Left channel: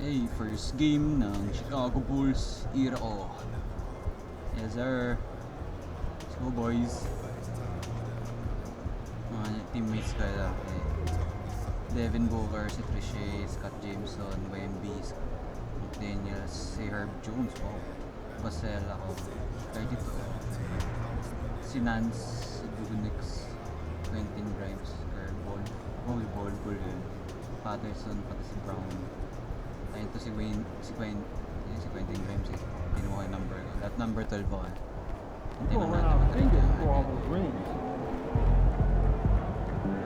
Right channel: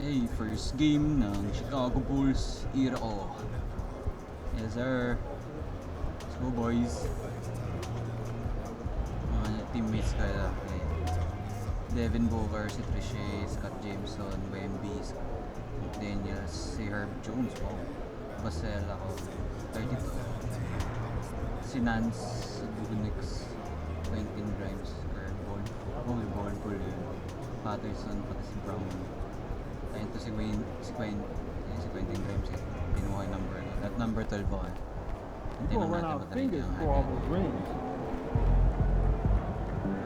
Hey, first game ng Chicago Bulls era ko. Yes sir. Let's go boys. Mga teammates kaya Devin Booker, si Trichet, Scott Jameson, Wemby, Daniels, si Herb Jones, wow. Basel ako, 32. Si Nance, Dugunix, Quentin Grimes, Ball. Oh, Ball yun. Patterson, pati si Brown. Ayun to si Quentin Grimes eh. Kinuha yung number ko. That number 12 ako eh. We're gonna run our fingers through all those rings.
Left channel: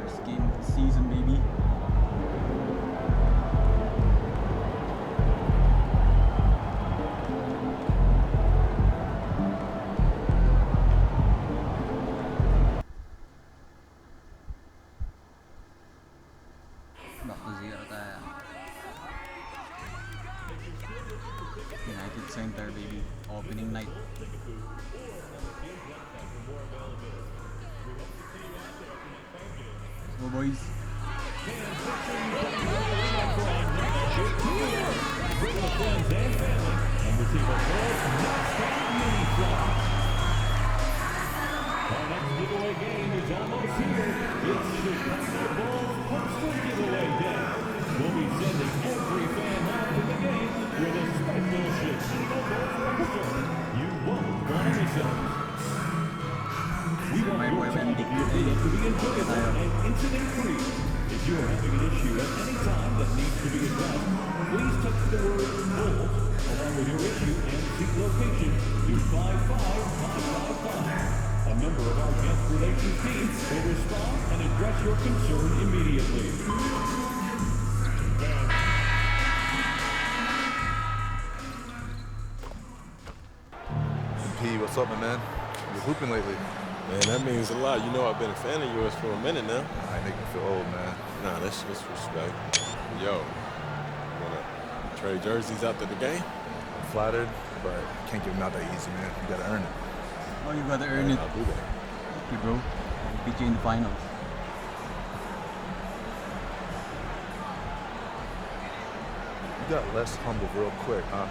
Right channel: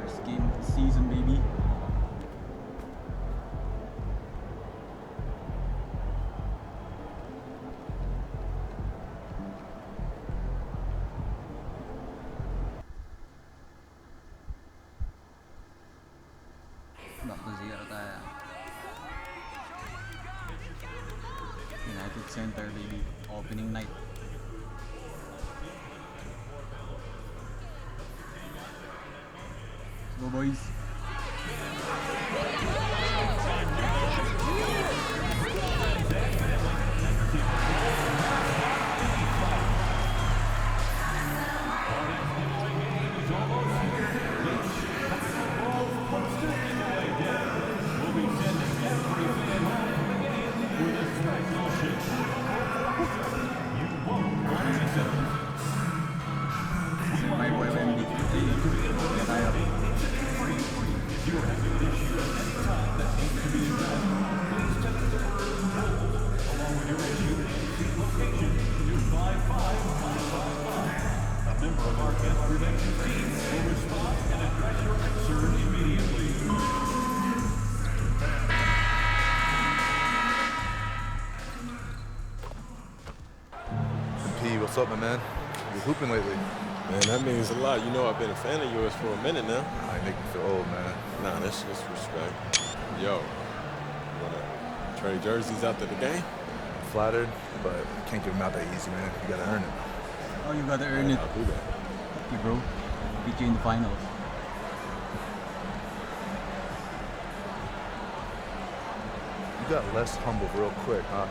First game of the season, baby. Back to zero tayo. United Center, baby. Opening night. Let's go, boys. Our next giveaway game is almost here. It's Chicago Bulls poster giveaway day. We'll be sending every fan home from the game with a special Chicago poster. You won't want to miss it. We want My boy your Wemby. to be invited and incident free. If you are having an issue at any time that needs to be addressed, please text the word Bulls along with your issue and seat location to 55555. A member of our guest relations team will respond and address your concern immediately. P, what's up, my man? You're hooping lately. Man, that means a lot. You know I've been a fan of yours for a minute now. Nah, you make me feel old, man. Nah, that's just respect. Yo, you wanna trade jerseys after the game? I'm flattered, but I can't give them out that easy, man. You gotta earn it. Oh, you gotta earn Alright, it. I'll do that. Okay, bro. I'll beat you in the finals. You got less humble real quick, huh?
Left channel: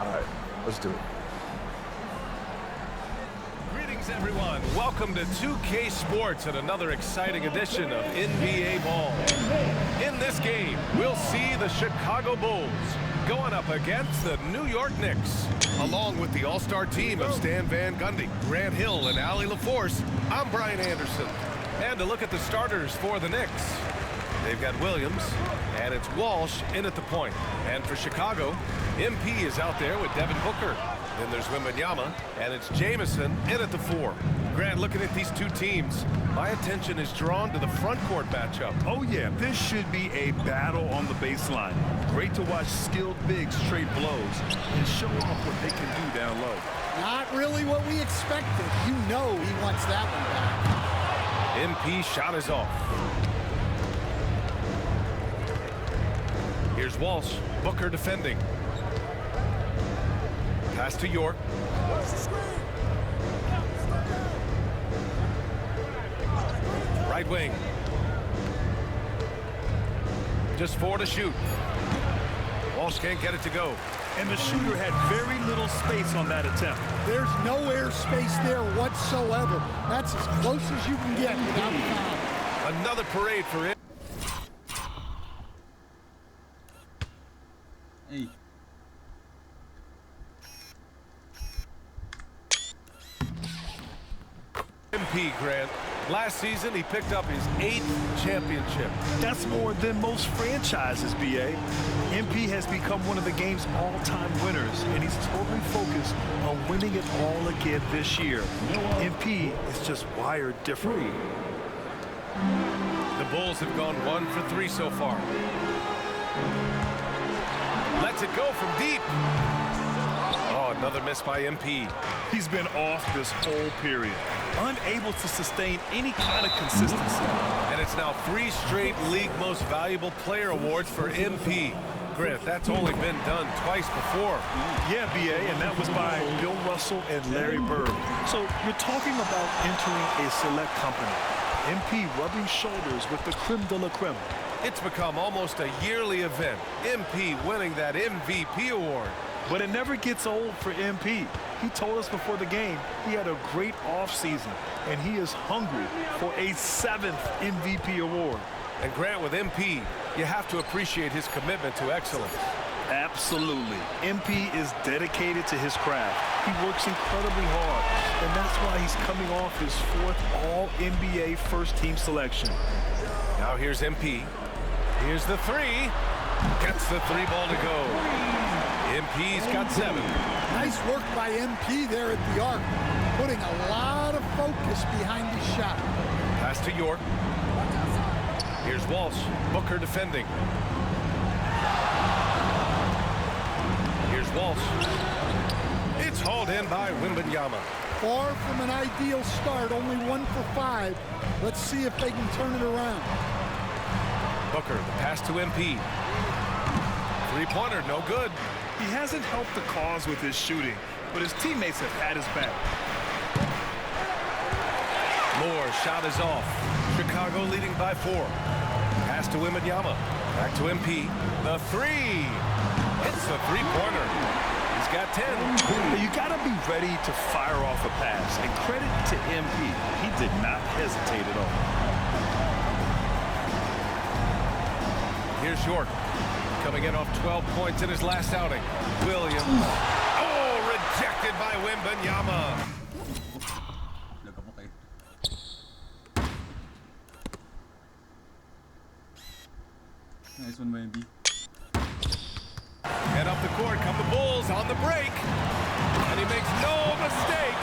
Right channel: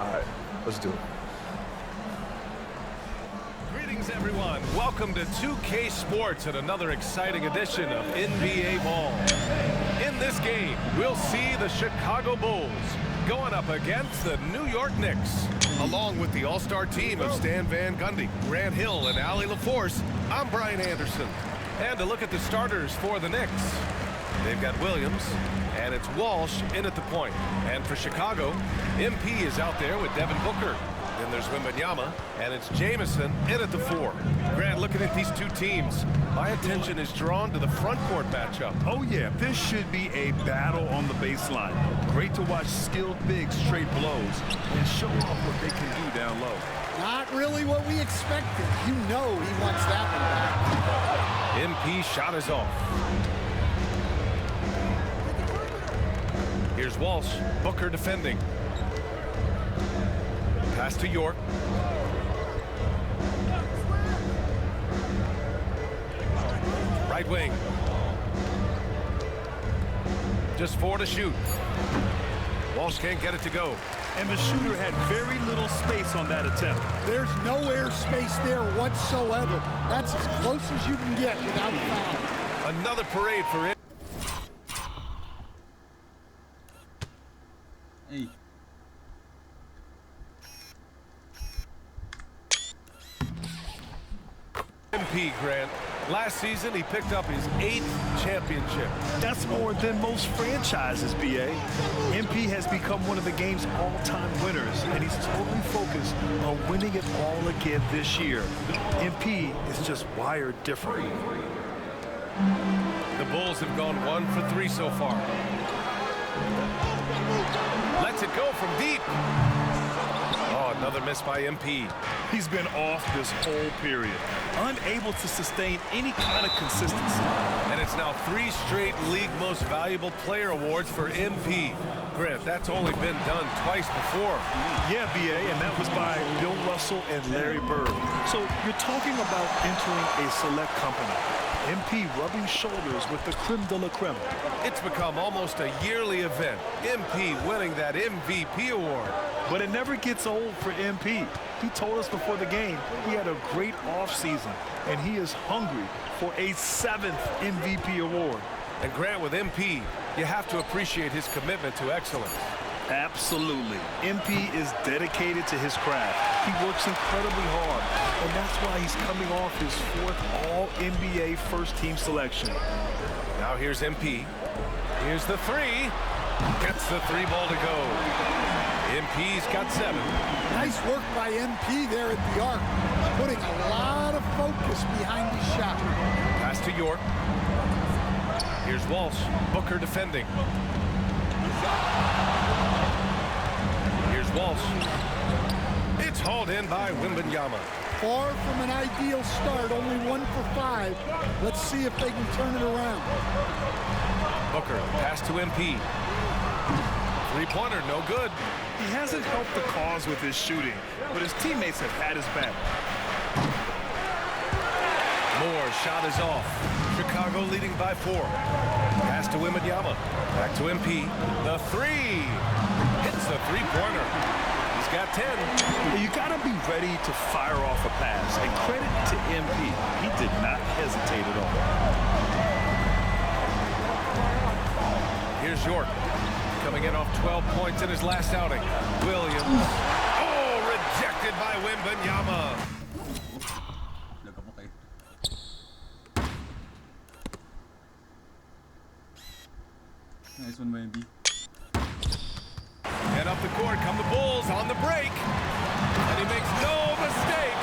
All right, let's do it. Greetings, everyone. Welcome to 2K Sports and another exciting edition of NBA Ball. In this game, we'll see the Chicago Bulls going up against the New York Knicks. Along with the all-star team of Stan Van Gundy, Grant Hill, and Allie LaForce, I'm Brian Anderson. And to look at the starters for the Knicks, they've got Williams, and it's Walsh in at the point. And for Chicago, MP is out there with Devin Booker. Then there's Wembanyama, and it's Jameson in at the 4. Grant, looking at these two teams, my attention is drawn to the front court matchup. Oh yeah, this should be a battle on the baseline. Great to watch skilled bigs trade blows and show off what they can do down low. Not really what we expected. You know he wants that one back. MP shot is off. Here's Walsh, Booker defending. Pass to York. Right wing. Just 4 to shoot. Walsh can't get it to go. And the shooter had very little space on that attempt. There's no air space there whatsoever. That's as close as you can get without a foul. Another parade for him. Hey. MP, Grant. Last season, he picked up his 8th championship. That's more than most franchises, BA. MP has become one of the game's all-time winners, and he's totally focused on winning it all again this year. MP is just wired different. The Bulls have gone 1 for 3 so far. Lets it go from deep. Oh, another miss by MP. He's been off this whole period, unable to sustain any kind of consistency. And it's now 3 straight league most valuable player awards for MP. Grant, that's only been done twice before. Yeah, BA, and that was by Bill Russell and Larry Bird. So you're talking about entering a select company. MP rubbing shoulders with the creme de la creme. It's become almost a yearly event, MP winning that MVP award. But it never gets old for MP. He told us before the game he had a great offseason, and he is hungry for a 7th MVP award. And Grant, with MP, you have to appreciate his commitment to excellence. Absolutely. MP is dedicated to his craft. He works incredibly hard, and that's why he's coming off his 4th All-NBA first-team selection. Now here's MP. Here's the 3. Gets the 3 ball to go. MP's got 7. Nice work by MP there at the arc, putting a lot of focus behind his shot. Pass to York. Here's Walsh. Booker defending. Here's Walsh. It's hauled in by Wembanyama. Far from an ideal start, only 1 for 5. Let's see if they can turn it around. Booker, the pass to MP. 3-pointer, no good. He hasn't helped the cause with his shooting, but his teammates have had his back. Moore's shot is off. Chicago leading by 4. Pass to Wembanyama. Back to MP. The 3. Hits the 3-pointer. He's got 10. You got to be ready to fire off a pass, and credit to MP. He did not hesitate at all. Here's York. Coming in off 12 points in his last outing. Williams. Oh, rejected by Wembanyama. Nice one, Wemby. And up the court come the Bulls on the break. And he makes no mistake.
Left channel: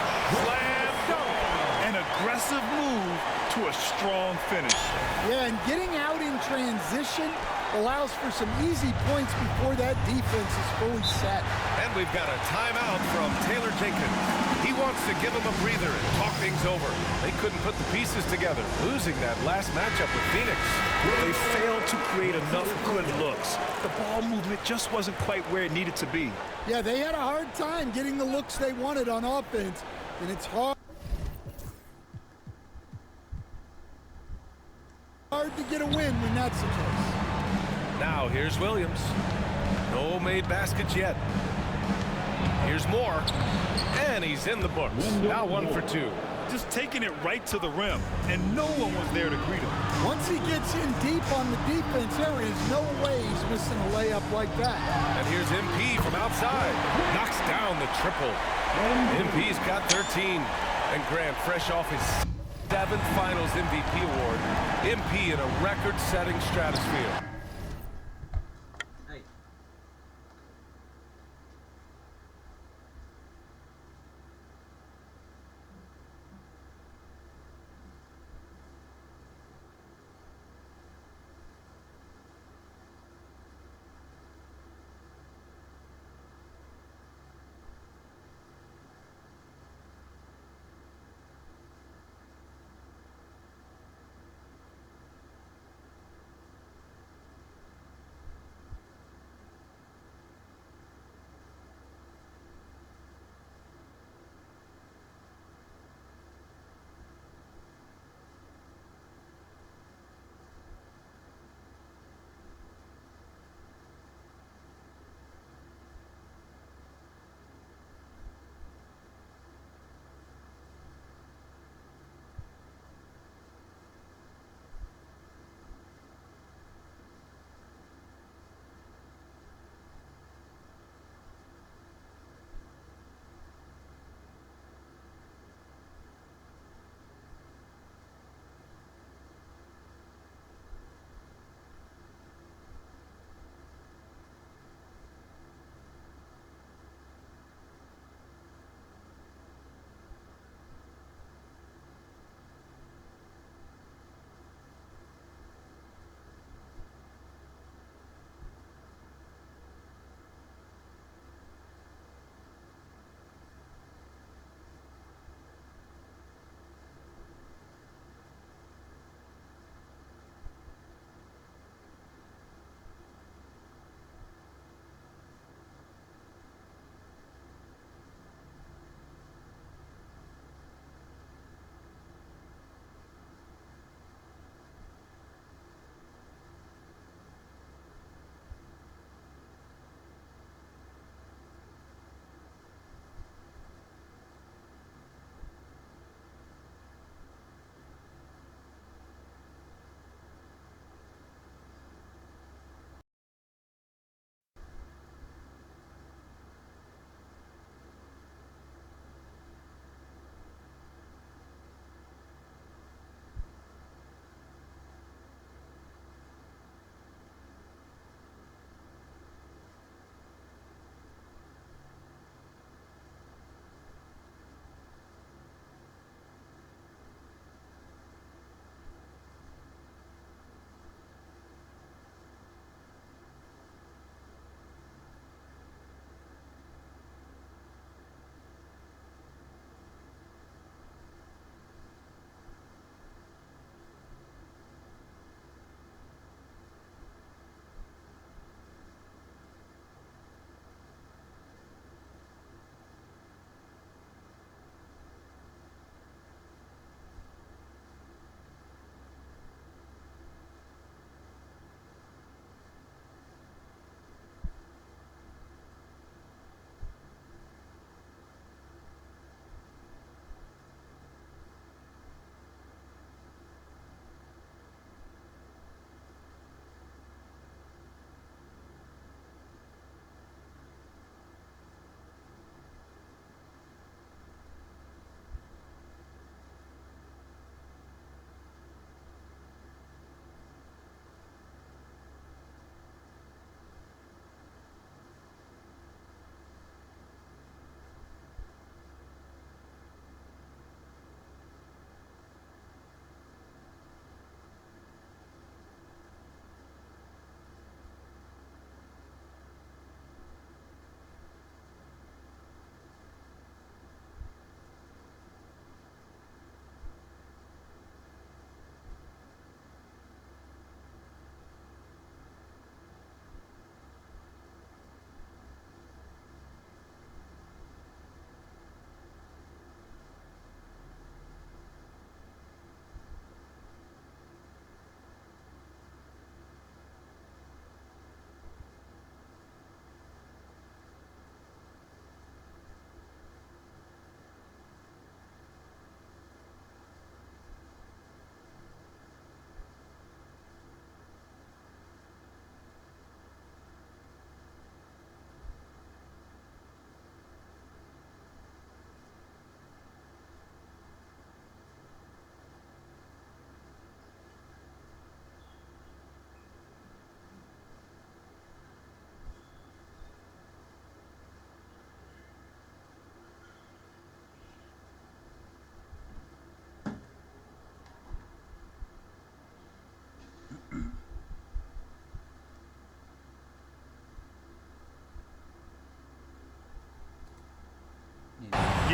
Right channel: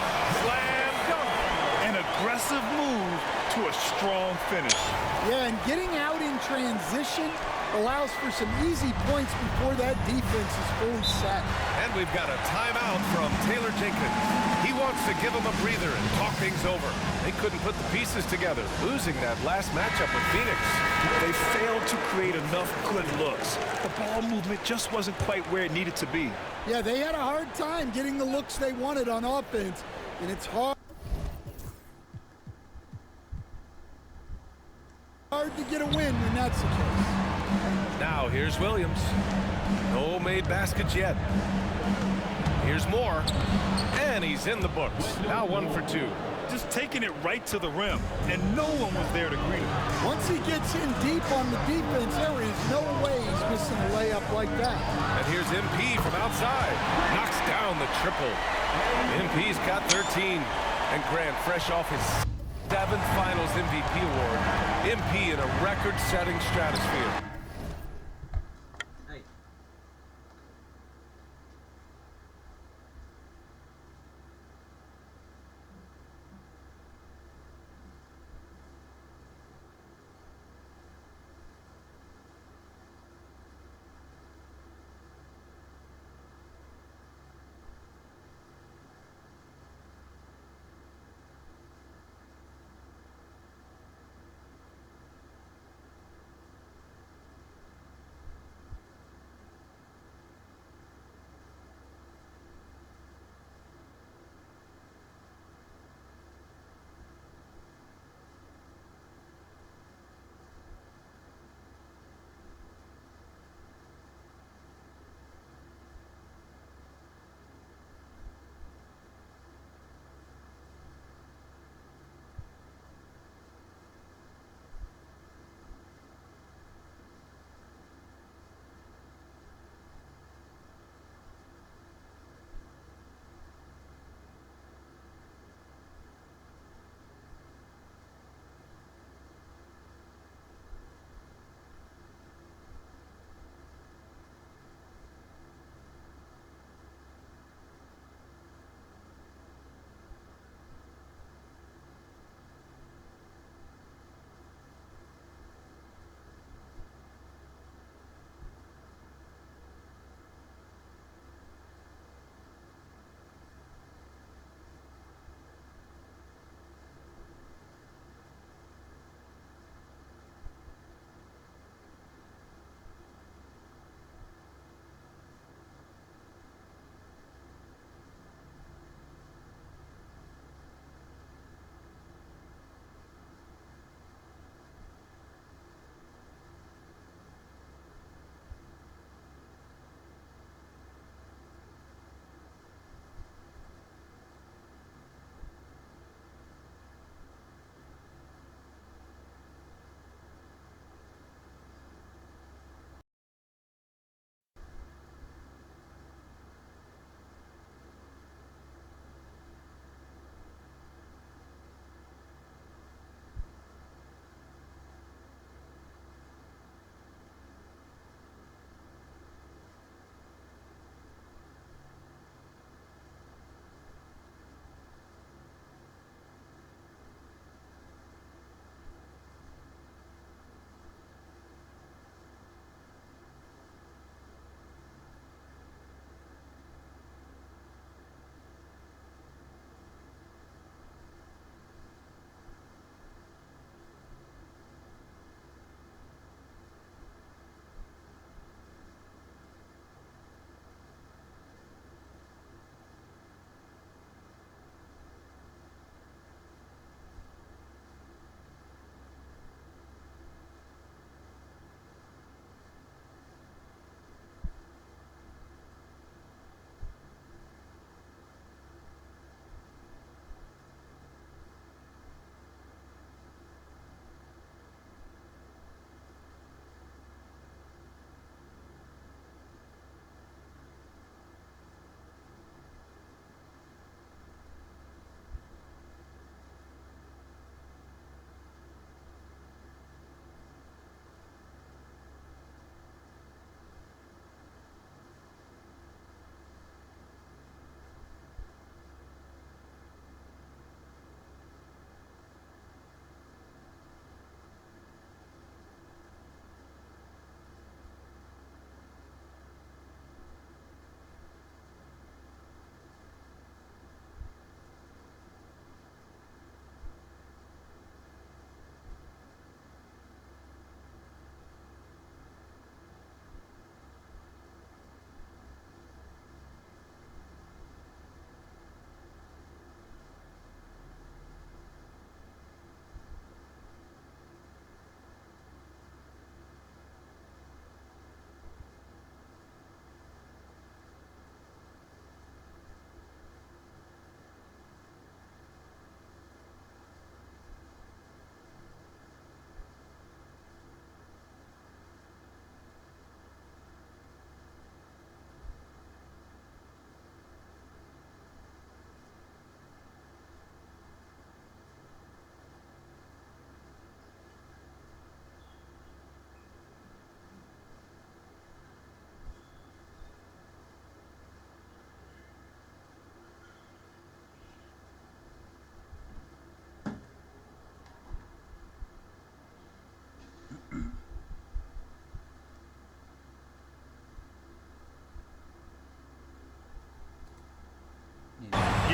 Slam dunk. An aggressive move to a strong finish. Yeah, and getting out in transition allows for some easy points before that defense is fully set. And we've got a timeout from Taylor Jenkins. He wants to give him a breather and talk things over. They couldn't put the pieces together, losing that last matchup with Phoenix. They failed to create enough good looks. The ball movement just wasn't quite where it needed to be. Yeah, they had a hard time getting the looks they wanted on offense, and it's hard to get a win when that's the case. Now here's Williams. No made baskets yet. Here's Moore. And he's in the books. Now 1 for 2. Just taking it right to the rim, and no one was there to greet him. Once he gets in deep on the defense, there is no way he's missing a layup like that. And here's MP from outside. Knocks down the triple. MP's got 13. And Grant, fresh off his 7th Finals MVP award. MP in a record-setting stratosphere.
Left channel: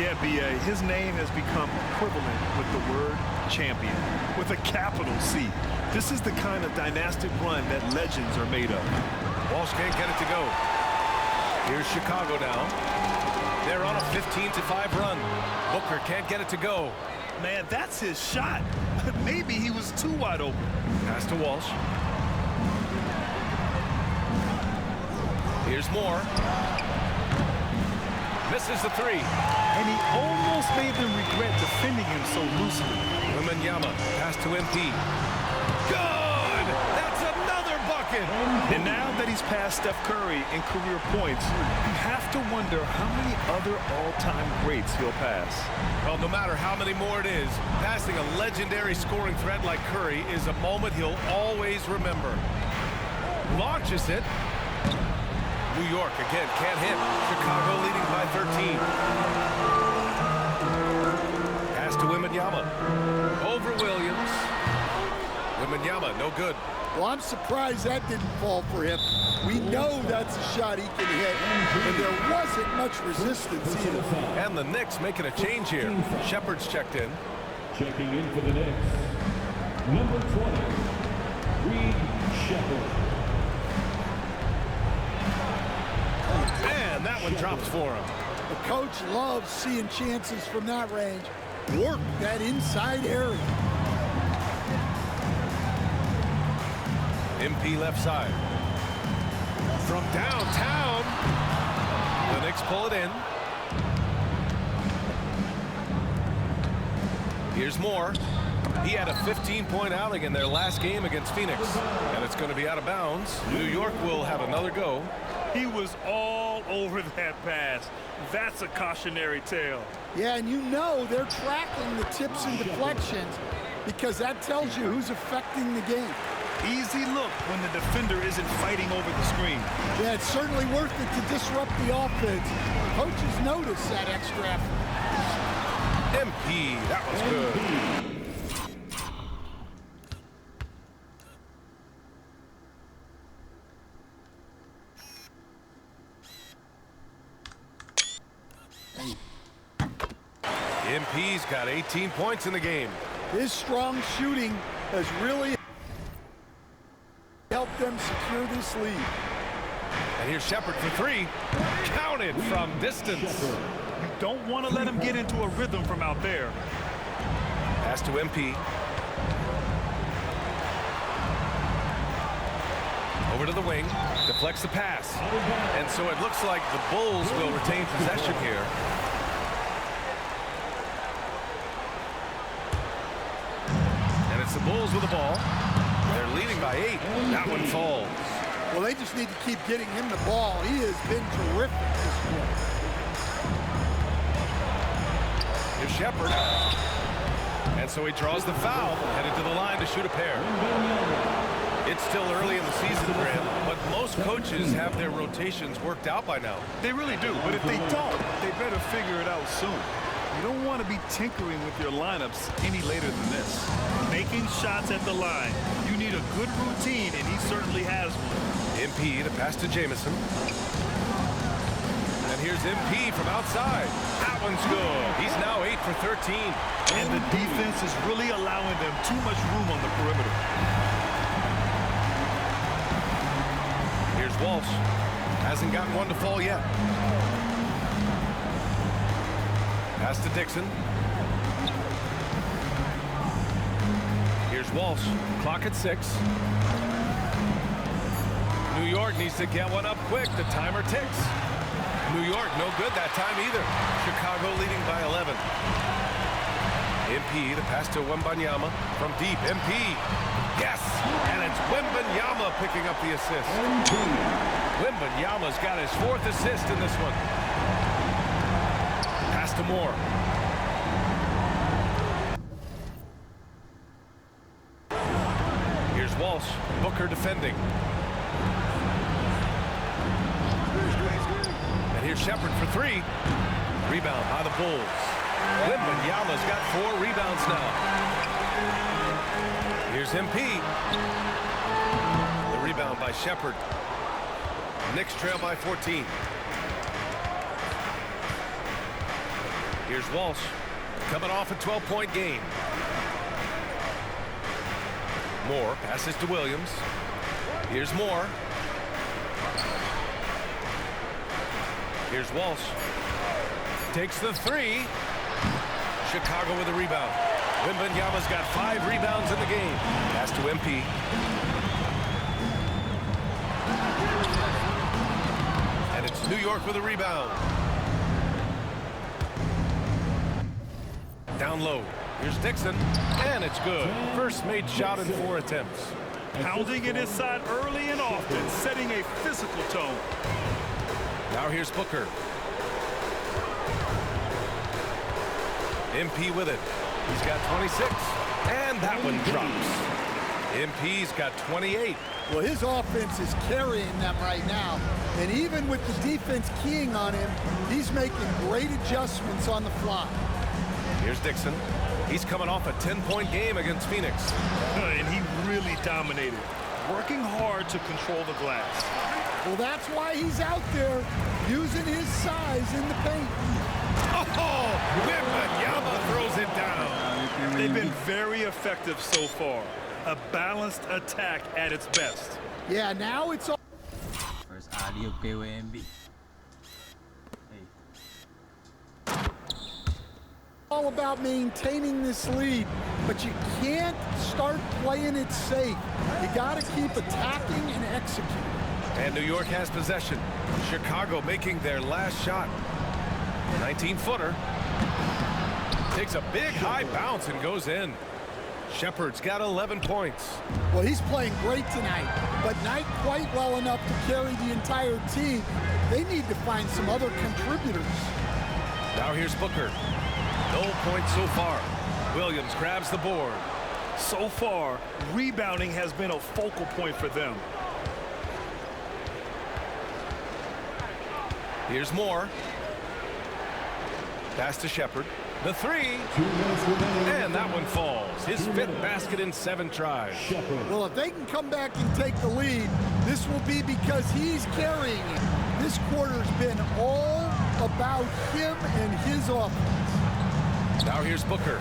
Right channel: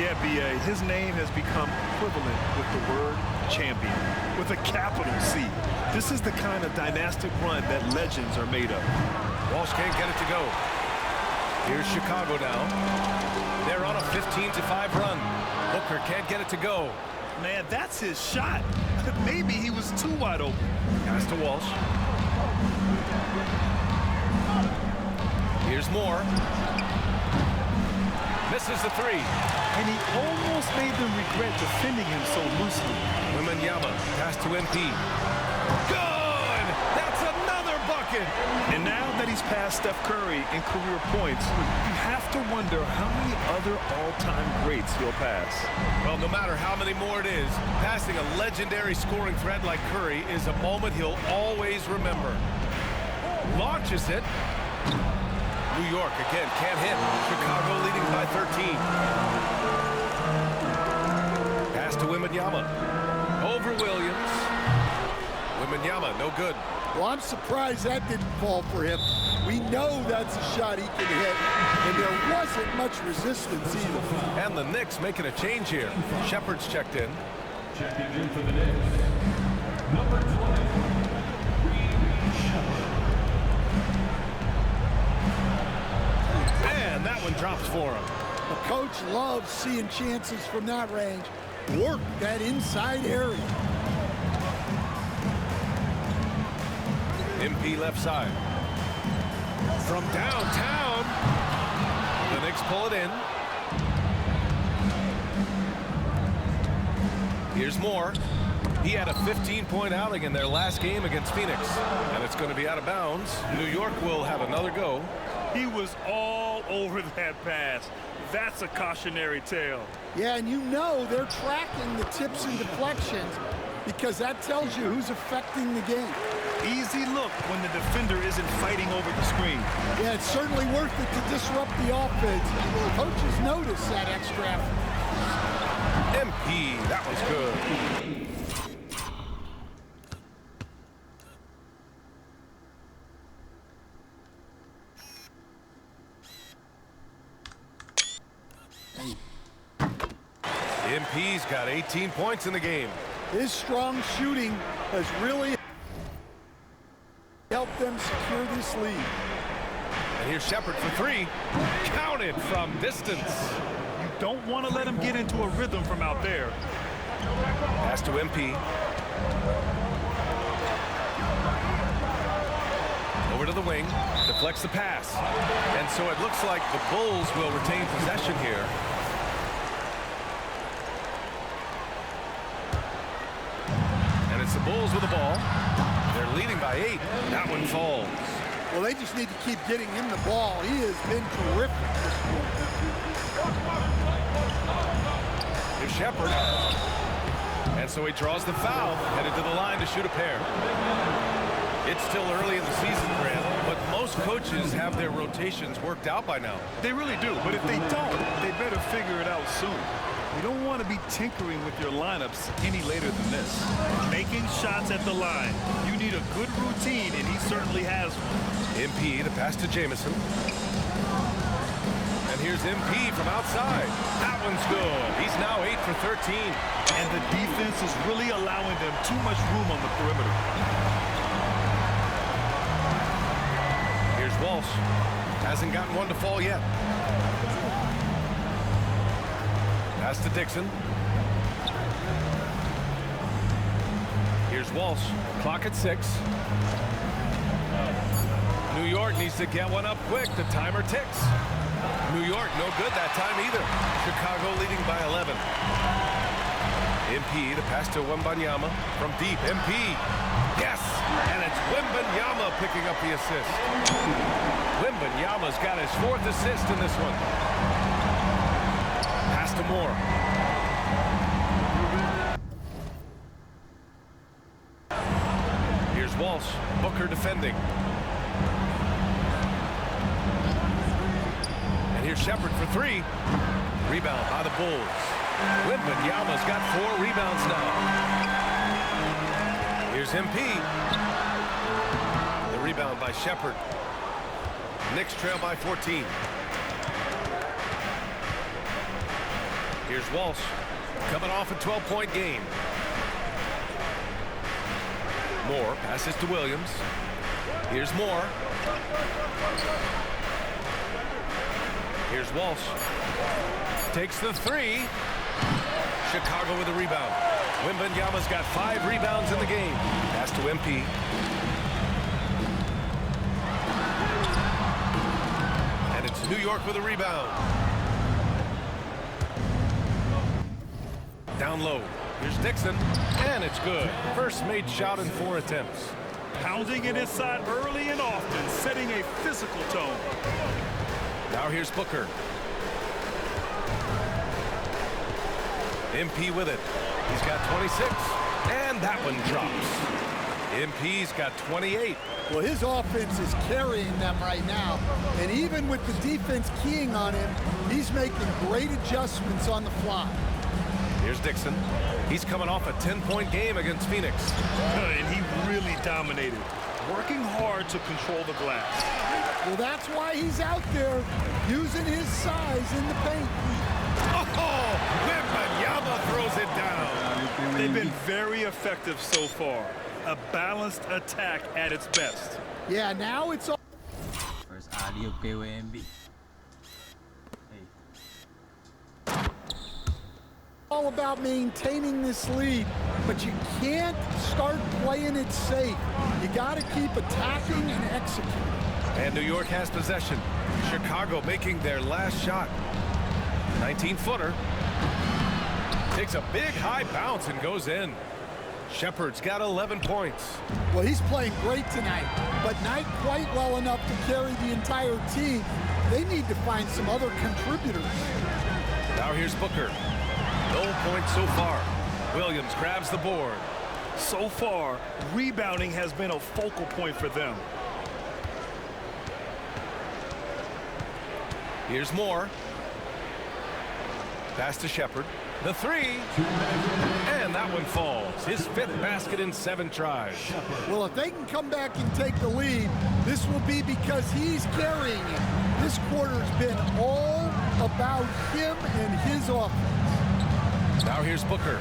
Yeah, B.A., his name has become equivalent with the word champion, with a capital C. This is the kind of dynastic run that legends are made of. Walsh can't get it to go. Here's Chicago now. They're on a 15-5 run. Booker can't get it to go. Man, that's his shot. Maybe he was too wide open. Pass to Walsh. Here's Moore. Misses the three. And he almost made them regret defending him so loosely. Wembanyama, pass to MP. Good! That's another bucket! And now that he's passed Steph Curry in career points, you have to wonder how many other all-time greats he'll pass. Well, no matter how many more it is, passing a legendary scoring threat like Curry is a moment he'll always remember. Launches it. New York again can't hit. Chicago leading by 13. Pass to Wembanyama. Over Williams. Wembanyama, no good. Well, I'm surprised that didn't fall for him. We know that's a shot he can hit, and there wasn't much resistance either. And the Knicks making a change here. Shepard's checked in. Checking in for the Knicks, number 20, Reed Shepard. And that one drops for him. The coach loves seeing chances from that range. Work that inside area. MP left side. From downtown. The Knicks pull it in. Here's Moore. He had a 15-point outing in their last game against Phoenix. And it's going to be out of bounds. New York will have another go. He was all over that pass. That's a cautionary tale. Yeah, and you know they're tracking the tips and deflections because that tells you who's affecting the game. Easy look when the defender isn't fighting over the screen. Yeah, it's certainly worth it to disrupt the offense. Coaches notice that extra effort. MP, that one's good. MP's got 18 points in the game. His strong shooting has really helped them secure this lead. And here's Shepard for three. Counted from distance. You don't want to let him get into a rhythm from out there. Pass to MP. Over to the wing. Deflects the pass. And so it looks like the Bulls will retain possession here. And it's the Bulls with the ball. They're leading by 8. That one falls. Well, they just need to keep getting him the ball. He has been terrific this quarter. Here's Shepard. And so he draws the foul, headed to the line to shoot a pair. It's still early in the season, Grant, but most coaches have their rotations worked out by now. They really do, but if they don't, they better figure it out soon. You don't want to be tinkering with your lineups any later than this. Making shots at the line. You need a good routine, and he certainly has one. MP, the pass to Jamison. And here's MP from outside. That one's good. He's now 8 for 13. And the defense is really allowing them too much room on the perimeter. Here's Walsh. Hasn't gotten one to fall yet. Pass to Dixon. Here's Walsh. Clock at 6. New York needs to get one up quick. The timer ticks. New York no good that time either. Chicago leading by 11. MP, the pass to Wembanyama from deep. MP. Yes! And it's Wembanyama picking up the assist. Wembanyama's got his 4th assist in this one. Pass to Moore. Here's Walsh. Booker defending. And here's Shepard for 3. Rebound by the Bulls. Wembanyama's got 4 rebounds now. Here's MP. The rebound by Shepard. Knicks trail by 14. Here's Walsh, coming off a 12-point game. Moore passes to Williams. Here's Moore. Here's Walsh. Takes the three. Chicago with a rebound. Wembanyama's got 5 rebounds in the game. Pass to MP. And it's New York with a rebound. Down low. Here's Dixon. And it's good. First made shot in 4 attempts. Pounding it inside early and often, setting a physical tone. Now here's Booker. MP with it. He's got 26. And that one drops. MP's got 28. Well, his offense is carrying them right now. And even with the defense keying on him, he's making great adjustments on the fly. Here's Dixon. He's coming off a 10-point game against Phoenix. And he really dominated, working hard to control the glass. Well, that's why he's out there using his size in the paint. Oh, Wembanyama throws it down. They've been very effective so far. A balanced attack at its best. Yeah, now it's all. First alley-oop kay Wemby. Hey. All about maintaining this lead, but you can't start playing it safe. You got to keep attacking and executing. And New York has possession. Chicago making their last shot. 19-footer. Takes a big high bounce and goes in. Shepard's got 11 points. Well, he's playing great tonight, but not quite well enough to carry the entire team. They need to find some other contributors. Now here's Booker. No points so far. Williams grabs the board. So far, rebounding has been a focal point for them. Here's Moore. Pass to Shepard. The three. And that one falls. His 5th basket in 7 tries. Well, if they can come back and take the lead, this will be because he's carrying it. This quarter's been all about him and his offense. Now here's Booker.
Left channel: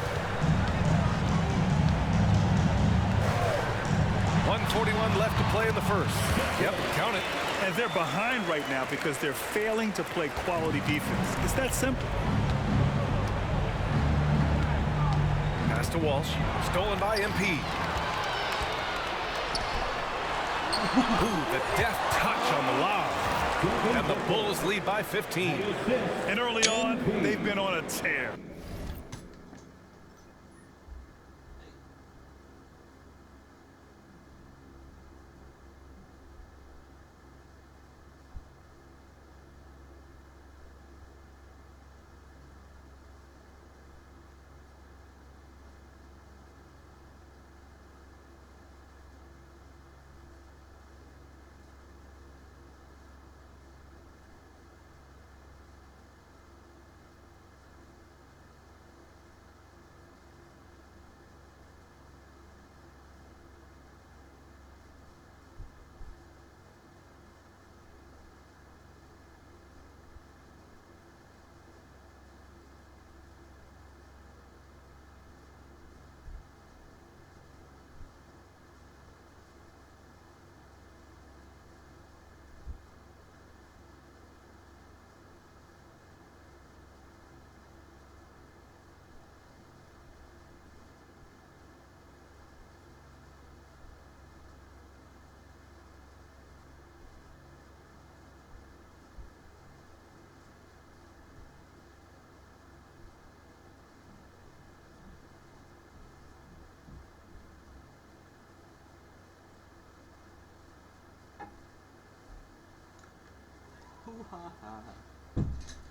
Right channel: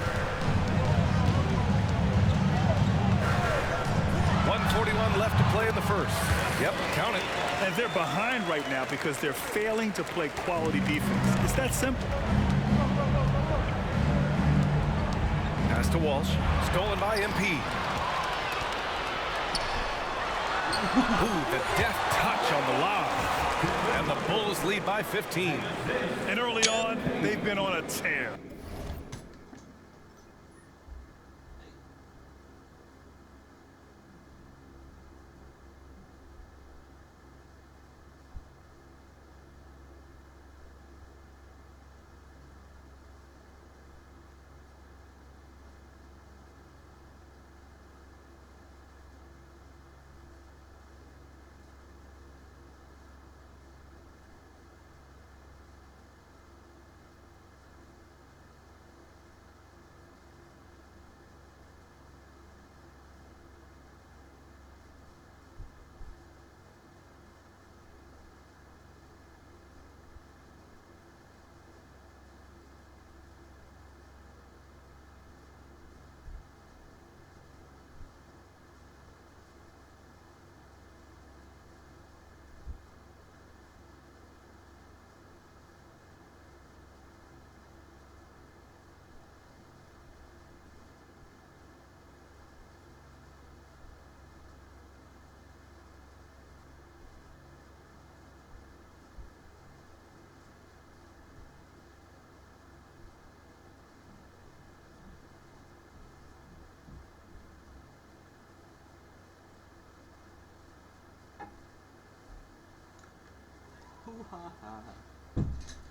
1:41 left to play in the first. Yep, count it. And they're behind right now because they're failing to play quality defense. It's that simple. Pass to Walsh. Stolen by MP. Ooh, the deft touch on the lob. And the Bulls lead by 15. And early on, they've been on a tear.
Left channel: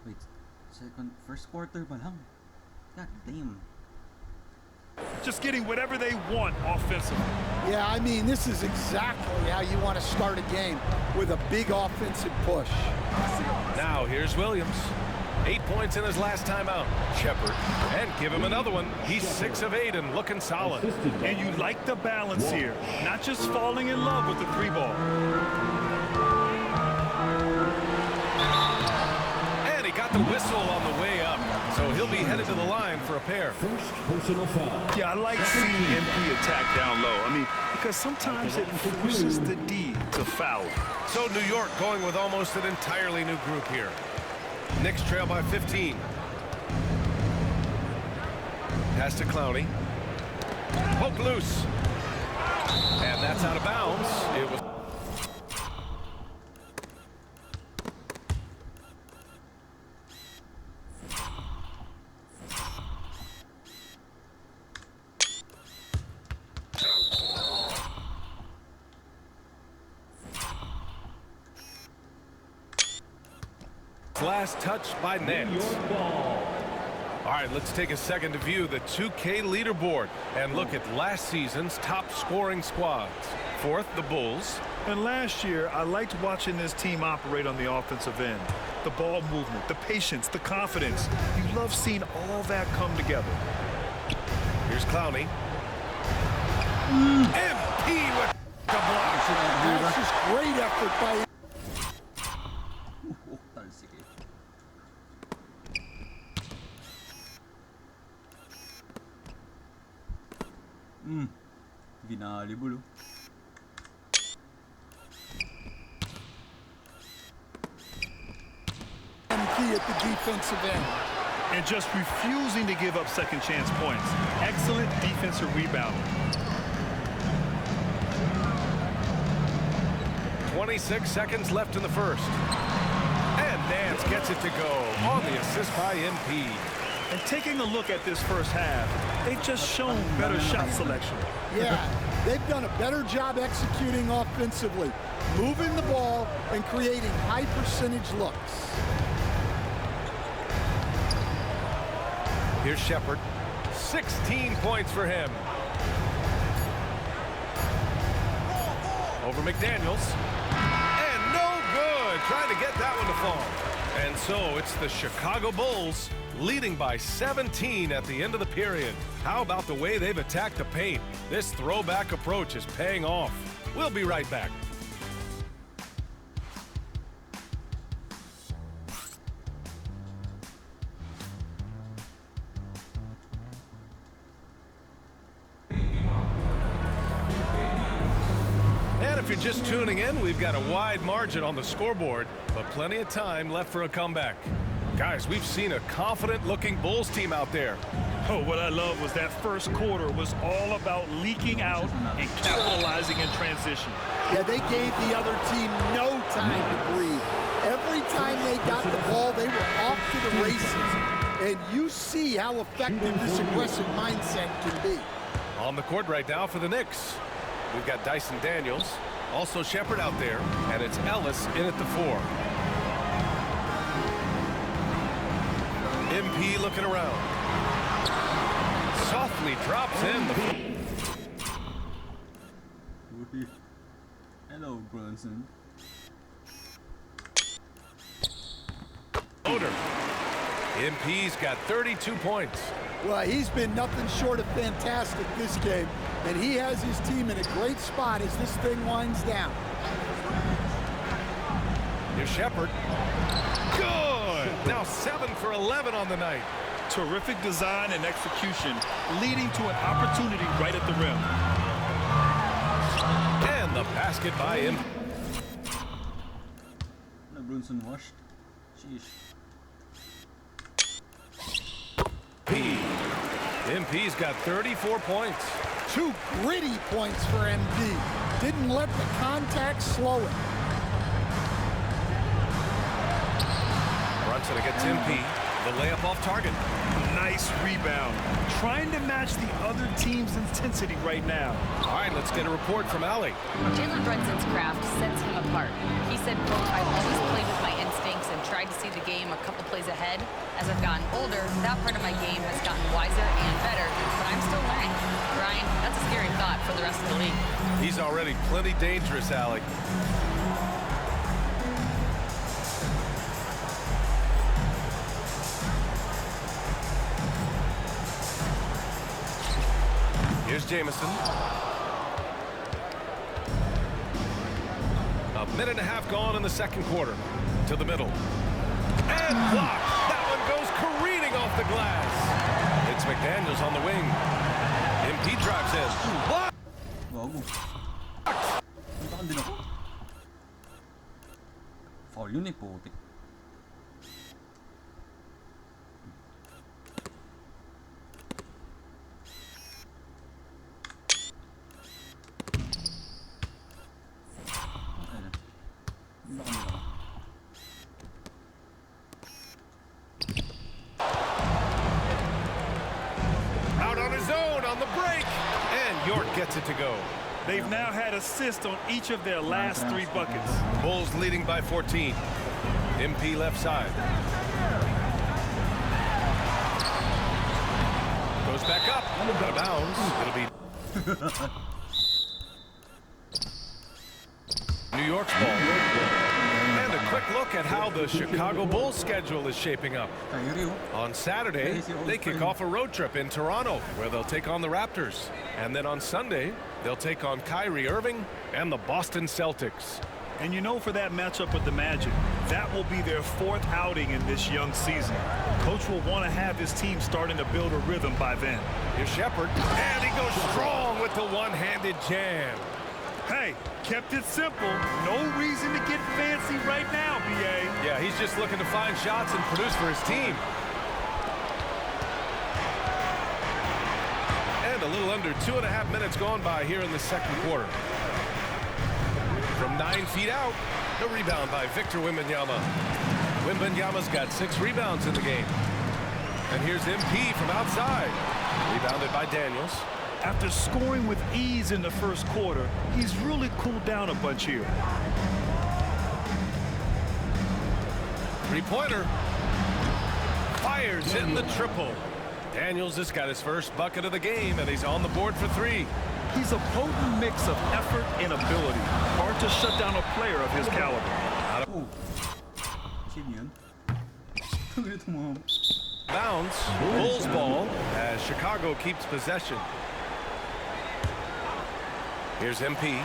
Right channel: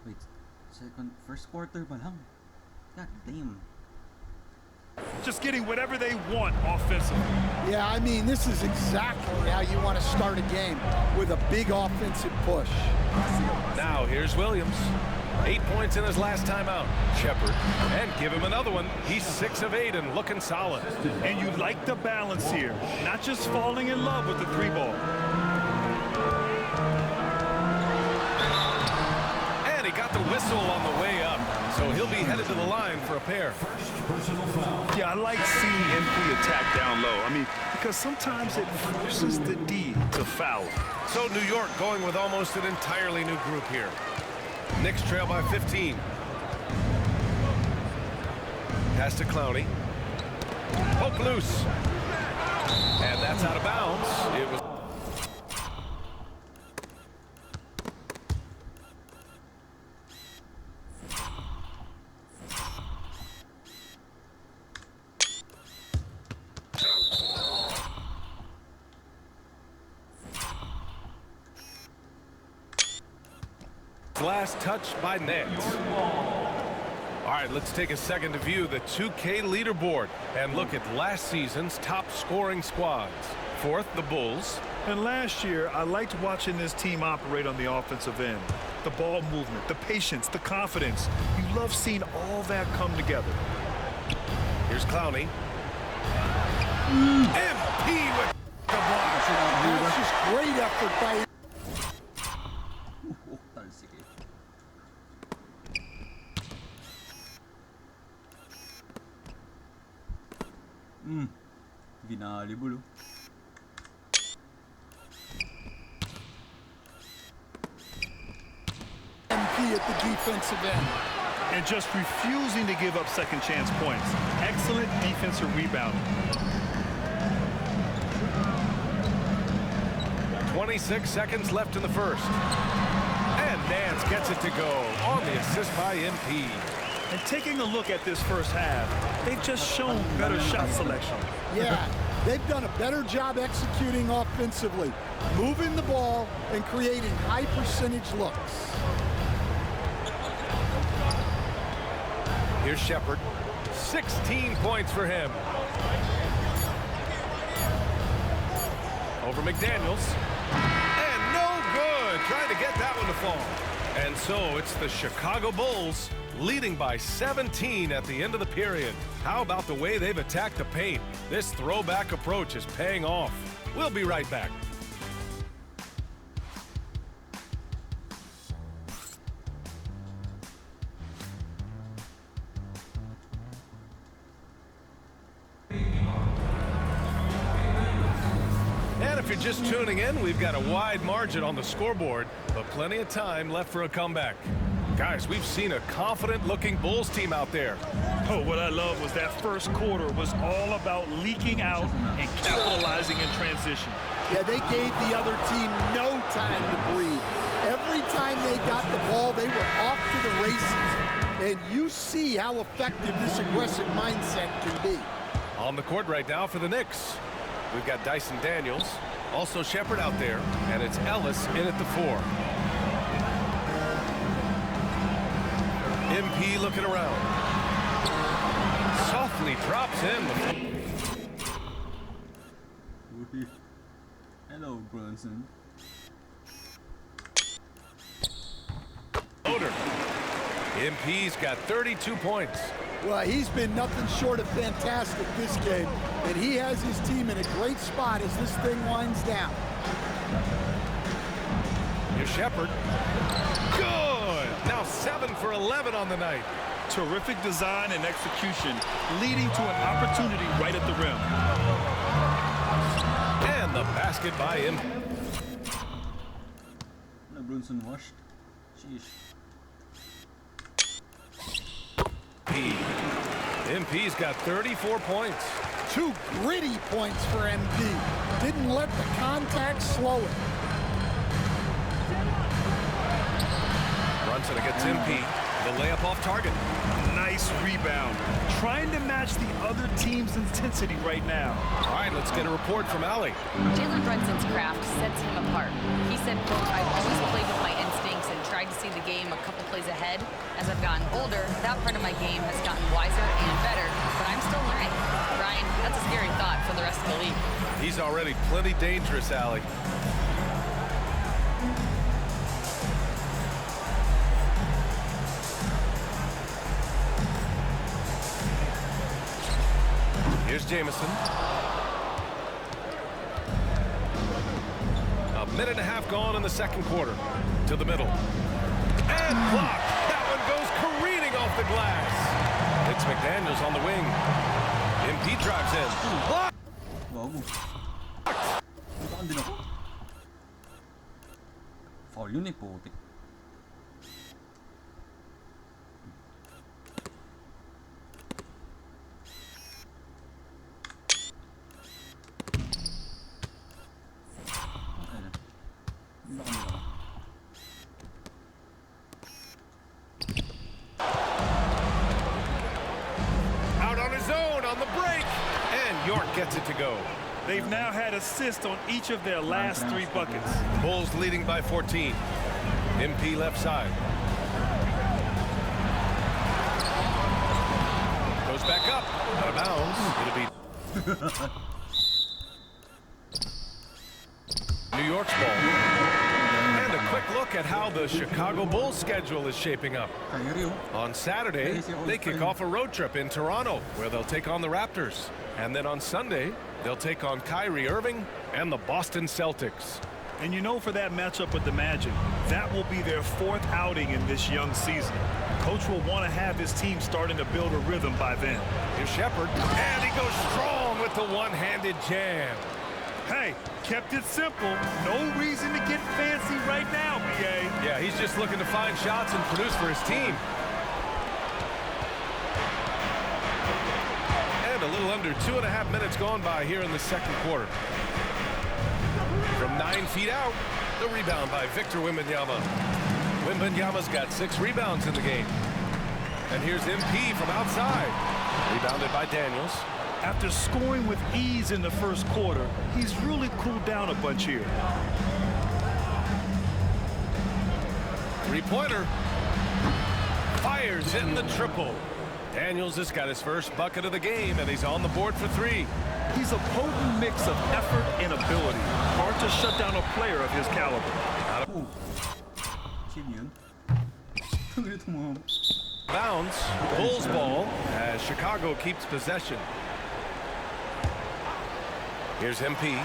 Wait, first quarter pa lang. God damn. Just getting whatever they want offensively. Yeah, I mean, this is exactly how you want to start a game, with a big offensive push. Now here's Williams. 8 points in his last time out. Shepard. And give him another one. He's 6 of 8 and looking solid. And you like the balance here. Not just falling in love with the 3-ball. got the whistle on the way up, so he'll be headed to the line for a pair. First personal foul. Yeah, I like seeing MP attack down low. I mean, because sometimes it forces the D to foul. So New York going with almost an entirely new group here. Knicks trail by 15. Pass to Clowney. Poke loose. And that's out of bounds. It was... Last touch by Nance. All right, let's take a second to view the 2K leaderboard and look at last season's top scoring squads. Fourth, the Bulls. And last year, I liked watching this team operate on the offensive end. The ball movement, the patience, the confidence. You love seeing all that come together. Here's Clowney. MP with the block. That's just great effort by him. Binali bulo. MP at the defensive end. And just refusing to give up second chance points. Excellent defensive rebounding. 26 seconds left in the first. And Nance gets it to go on the assist by MP. And taking a look at this first half, they've just shown better shot selection. Yeah, they've done a better job executing offensively, moving the ball and creating high percentage looks. Here's Shepherd. 16 points for him. Over McDaniels. And no good. Trying to get that one to fall. And so it's the Chicago Bulls leading by 17 at the end of the period. How about the way they've attacked the paint? This throwback approach is paying off. We'll be right back. And if you're just tuning in, we've got a wide margin on the scoreboard, but plenty of time left for a comeback. Guys, we've seen a confident-looking Bulls team out there. Oh, what I love was that first quarter was all about leaking out and capitalizing in transition. Yeah, they gave the other team no time to breathe. Every time they got the ball, they were off to the races. And you see how effective this aggressive mindset can be. On the court right now for the Knicks, we've got Dyson Daniels, also Shepherd out there, and it's Ellis in at the 4. MP looking around. Softly drops in the... Hello, Brunson. Oder. MP's got 32 points. Well, he's been nothing short of fantastic this game, and he has his team in a great spot as this thing winds down. Here's Shepherd. Good! Now 7 for 11 on the night. Terrific design and execution, leading to an opportunity right at the rim. And the basket by him. No, Brunson washed. Sheesh. MP's got 34 points. 2 gritty points for MP. Didn't let the contact slow it. Brunson against MP. The layup off target. Nice rebound. Trying to match the other team's intensity right now. All right, let's get a report from Allie. Jalen Brunson's craft sets him apart. He said, quote, "I've always played with my instincts and tried to see the game a couple plays ahead. As I've gotten older, that part of my game has gotten wiser and better, but I'm still learning." Ryan, that's a scary thought for the rest of the league. He's already plenty dangerous, Allie. Here's Jamison. A minute and a half gone in the second quarter. To the middle. And blocked. That one goes careening off the glass. It's McDaniels on the wing. MP drives in. Blocked. Bago. Puntaan din ako. Foul yun eh, putik. Out on his own on the break. And York gets it to go. They've now had assists on each of their last 3 buckets. Bulls leading by 14. MP left side. Goes back up. Out of bounds. It'll be New York's ball. And a quick look at how the Chicago Bulls schedule is shaping up. On Saturday, they kick off a road trip in Toronto, where they'll take on the Raptors. And then on Sunday, they'll take on Kyrie Irving and the Boston Celtics. And you know, for that matchup with the Magic, that will be their 4th outing in this young season. Coach will want to have his team starting to build a rhythm by then. Here's Shepard, and he goes strong with the one-handed jam. Hey, kept it simple. No reason to get fancy right now, BA. Yeah, he's just looking to find shots and produce for his team. And a little under 2.5 minutes gone by here in the second quarter. From 9 feet out, the rebound by Victor Wembanyama. Wembanyama's got 6 rebounds in the game. And here's MP from outside. Rebounded by Daniels. After scoring with ease in the first quarter, he's really cooled down a bunch here. 3-pointer. Fires in the triple. Daniels has got his first bucket of the game, and he's on the board for 3. He's a potent mix of effort and ability. Hard to shut down a player of his caliber. Bounce. Bulls ball as Chicago keeps possession. Here's MP.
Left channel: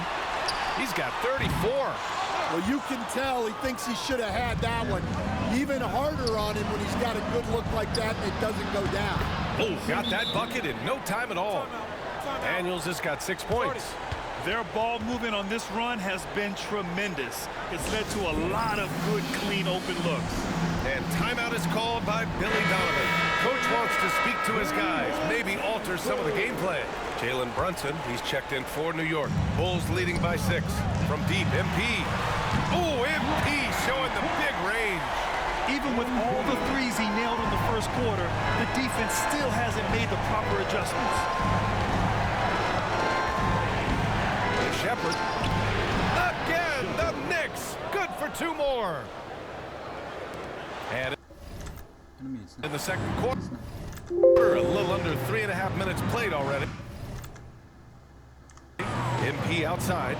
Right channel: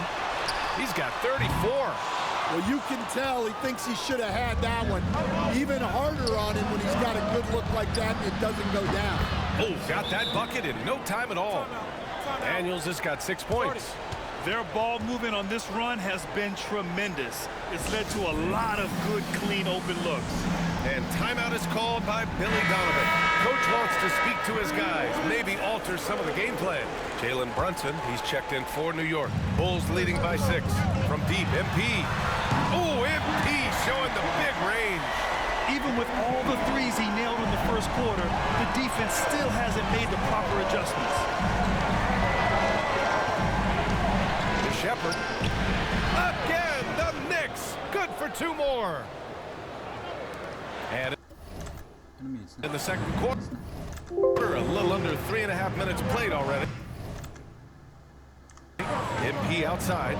He's got 34. Well, you can tell he thinks he should have had that one. Even harder on him when he's got a good look like that and it doesn't go down. Oh, got that bucket in no time at all. Daniels has got 6 points. Their ball movement on this run has been tremendous. It's led to a lot of good, clean, open looks. And timeout is called by Billy Donovan. Coach wants to speak to his guys, maybe alter some of the game plan. Jalen Brunson, he's checked in for New York. Bulls leading by 6. From deep, MP. Oh, MP showing the big range. Even with all the threes he nailed in the first quarter, the defense still hasn't made the proper adjustments. Here's Shepard. Again, the Knicks. Good for 2 more. And in the second quarter, a little under 3.5 minutes played already. MP outside.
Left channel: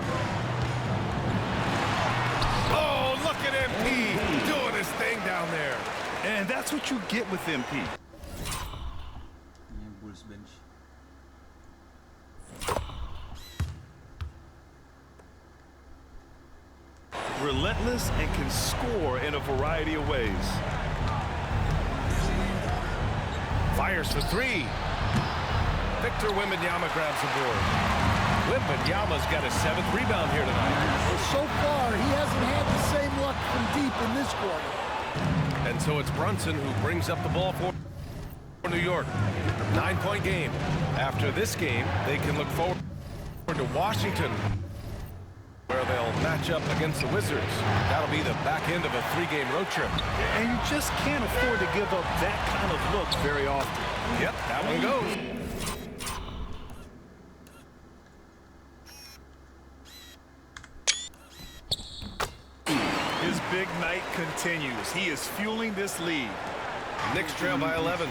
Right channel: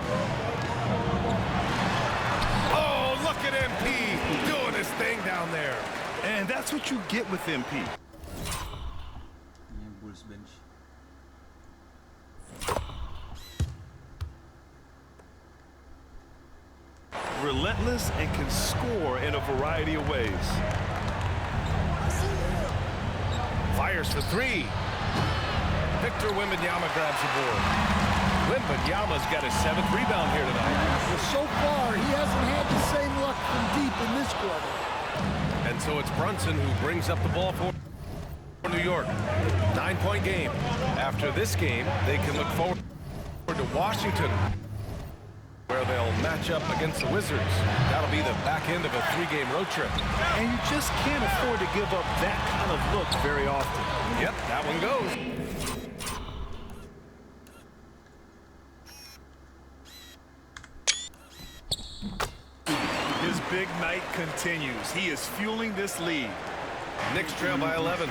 Oh, look at MP doing his thing down there. And that's what you get with MP. Bulls bench. Relentless and can score in a variety of ways. Fires for 3. Victor Wembanyama grabs the board. Wembanyama's got his 7th rebound here tonight. Well, so far, he hasn't had the same luck from deep in this quarter. And so it's Brunson who brings up the ball for New York. 9-point game. After this game, they can look forward to Washington, where they'll match up against the Wizards. That'll be the back end of a 3-game road trip. And you just can't afford to give up that kind of look very often. Yep, that one goes. His big night continues. He is fueling this lead. Knicks trail by 11.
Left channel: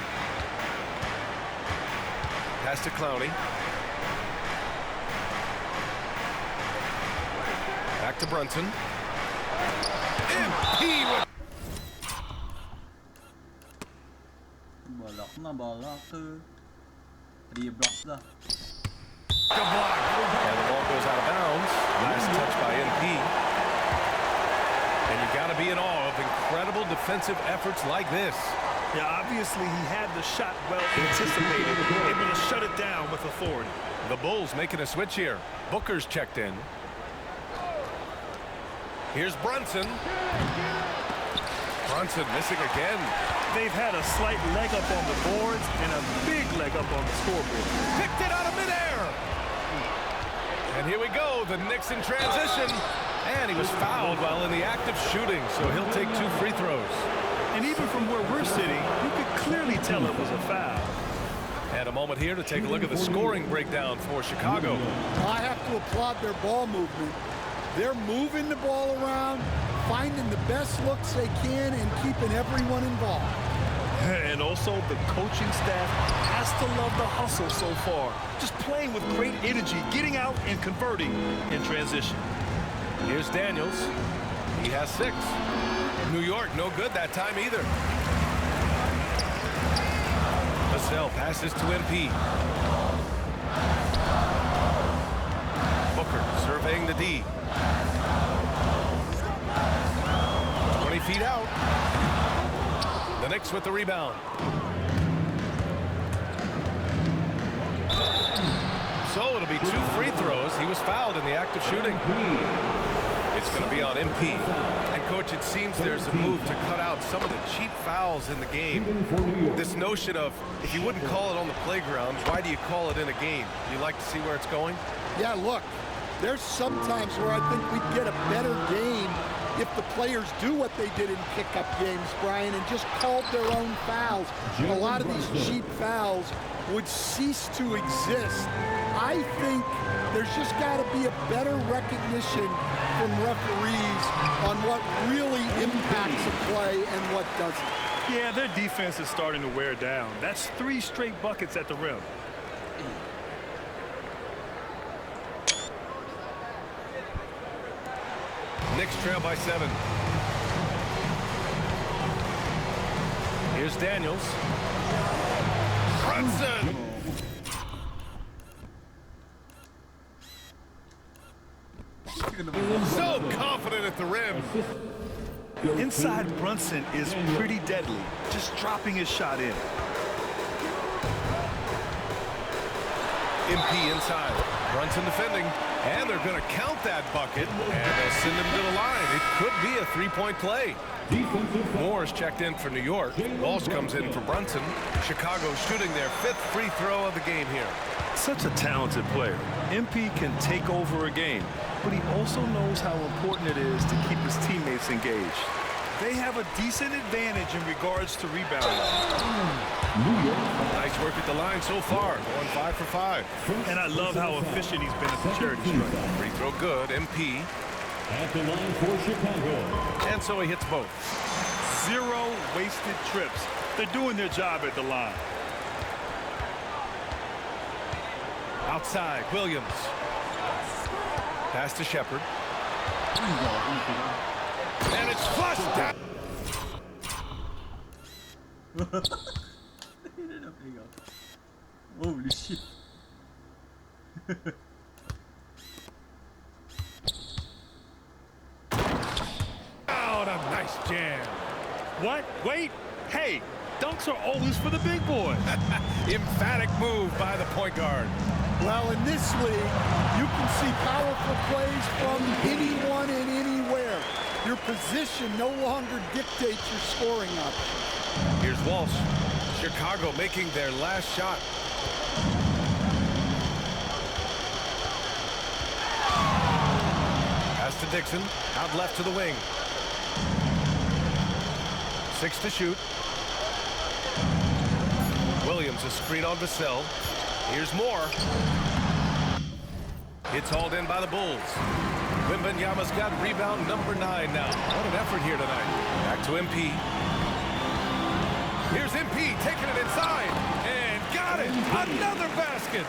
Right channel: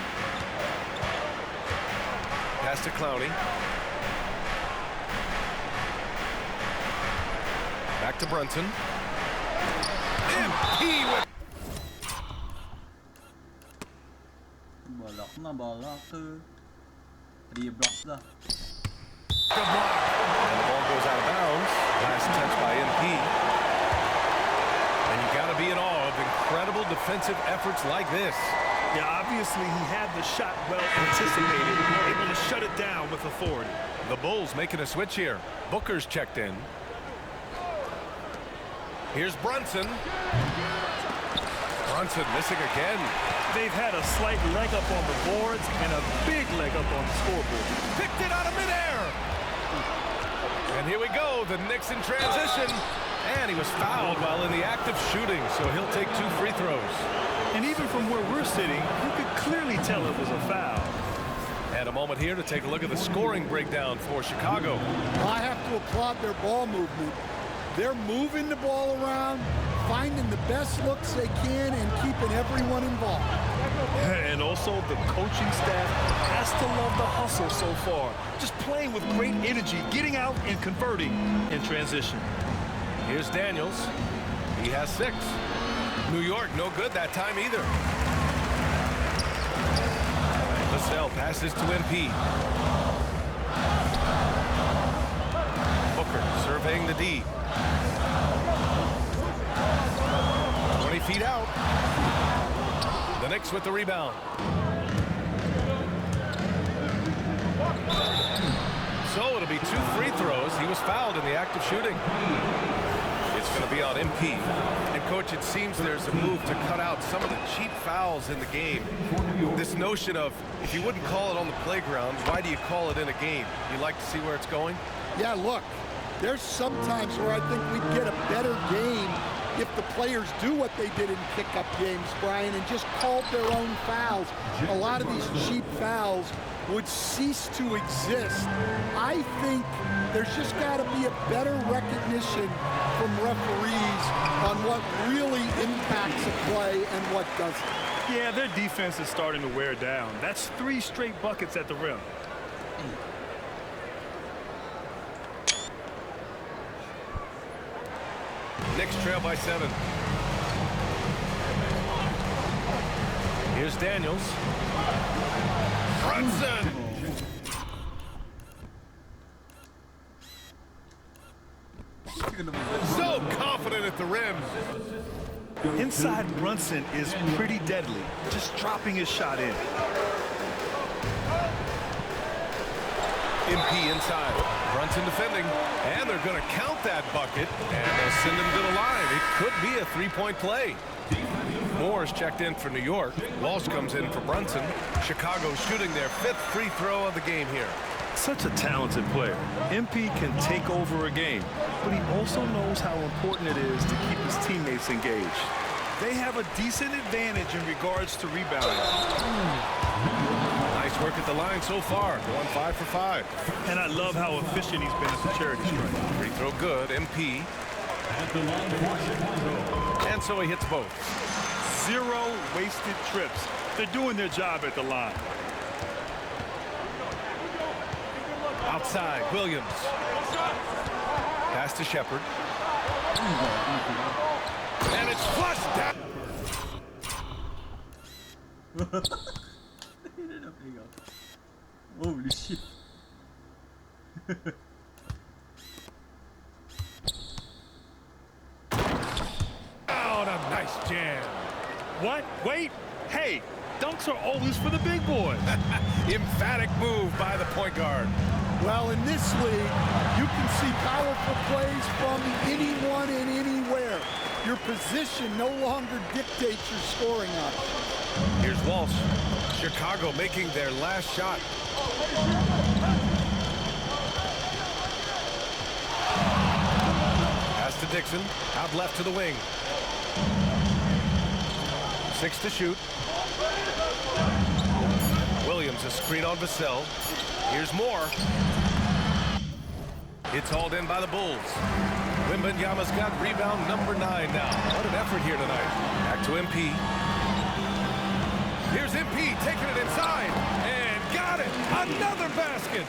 Pass to Clowney. Back to Brunson. MP with... Balak. 3 blocks na. Good block. And the ball goes out of bounds. Last touch by MP. And you've got to be in awe of incredible defensive efforts like this. Yeah, obviously he had the shot well anticipated, able to shut it down with authority. The Bulls making a switch here. Booker's checked in. Here's Brunson. Brunson missing again. They've had a slight leg up on the boards and a big leg up on the scoreboard. Picked it out of midair. And here we go, the Knicks in transition. And he was fouled while in the act of shooting, so he'll take 2 free throws. And even from where we're sitting, you could clearly tell it was a foul. And a moment here to take a look at the scoring breakdown for Chicago. I have to applaud their ball movement. They're moving the ball around, finding the best looks they can, and keeping everyone involved. And also the coaching staff has to love the hustle so far. Just playing with great energy, getting out and converting in transition. Here's Daniels. He has 6. New York, no good that time either. Vassell passes to MP. Booker surveying the D. 20 feet out. The Knicks with the rebound. So it'll be 2 free throws. He was fouled in the act of shooting. It's going to be on MP. And, Coach, it seems there's a move to cut out some of the cheap fouls in the game. This notion of, if you wouldn't call it on the playground, why do you call it in a game? You like to see where it's going? Yeah, look, there's some times where I think we'd get a better game if the players do what they did in pickup games, Brian, and just called their own fouls. A lot of these cheap fouls would cease to exist. I think there's just got to be a better recognition from referees on what really impacts a play and what doesn't. Yeah, their defense is starting to wear down. That's 3 straight buckets at the rim. Knicks trail by 7. Here's Daniels. Brunson! So confident at the rim. Inside Brunson is pretty deadly, just dropping his shot in. MP inside. Brunson defending. And they're going to count that bucket. And they'll send him to the line. It could be a 3-point play. Moore's checked in for New York. Walsh comes in for Brunson. Chicago shooting their 5th free throw of the game here. Such a talented player. MP can take over a game, but he also knows how important it is to keep his teammates engaged. They have a decent advantage in regards to rebounding. Nice work at the line so far, going 5 for 5. And I love how efficient he's been at the charity stripe. Free throw good, MP. At the line for Chicago. And so he hits both. 0 wasted trips. They're doing their job at the line. Outside, Williams. Pass to Shepard. And it's flushed down. Holy shit. Out a nice jam. What? Wait. Hey, dunks are always for the big boys. Emphatic move by the point guard. Well, in this league, you can see powerful plays from anyone and anywhere. Your position no longer dictates your scoring options. Here's Walsh. Chicago making their last shot. Pass to Dixon. Out left to the wing. 6 to shoot. Williams a screen on Vassell. Here's Moore. It's hauled in by the Bulls. Wembanyama's got rebound number 9 now. What an effort here tonight. Back to MP. Here's MP taking it inside and got it. Another basket.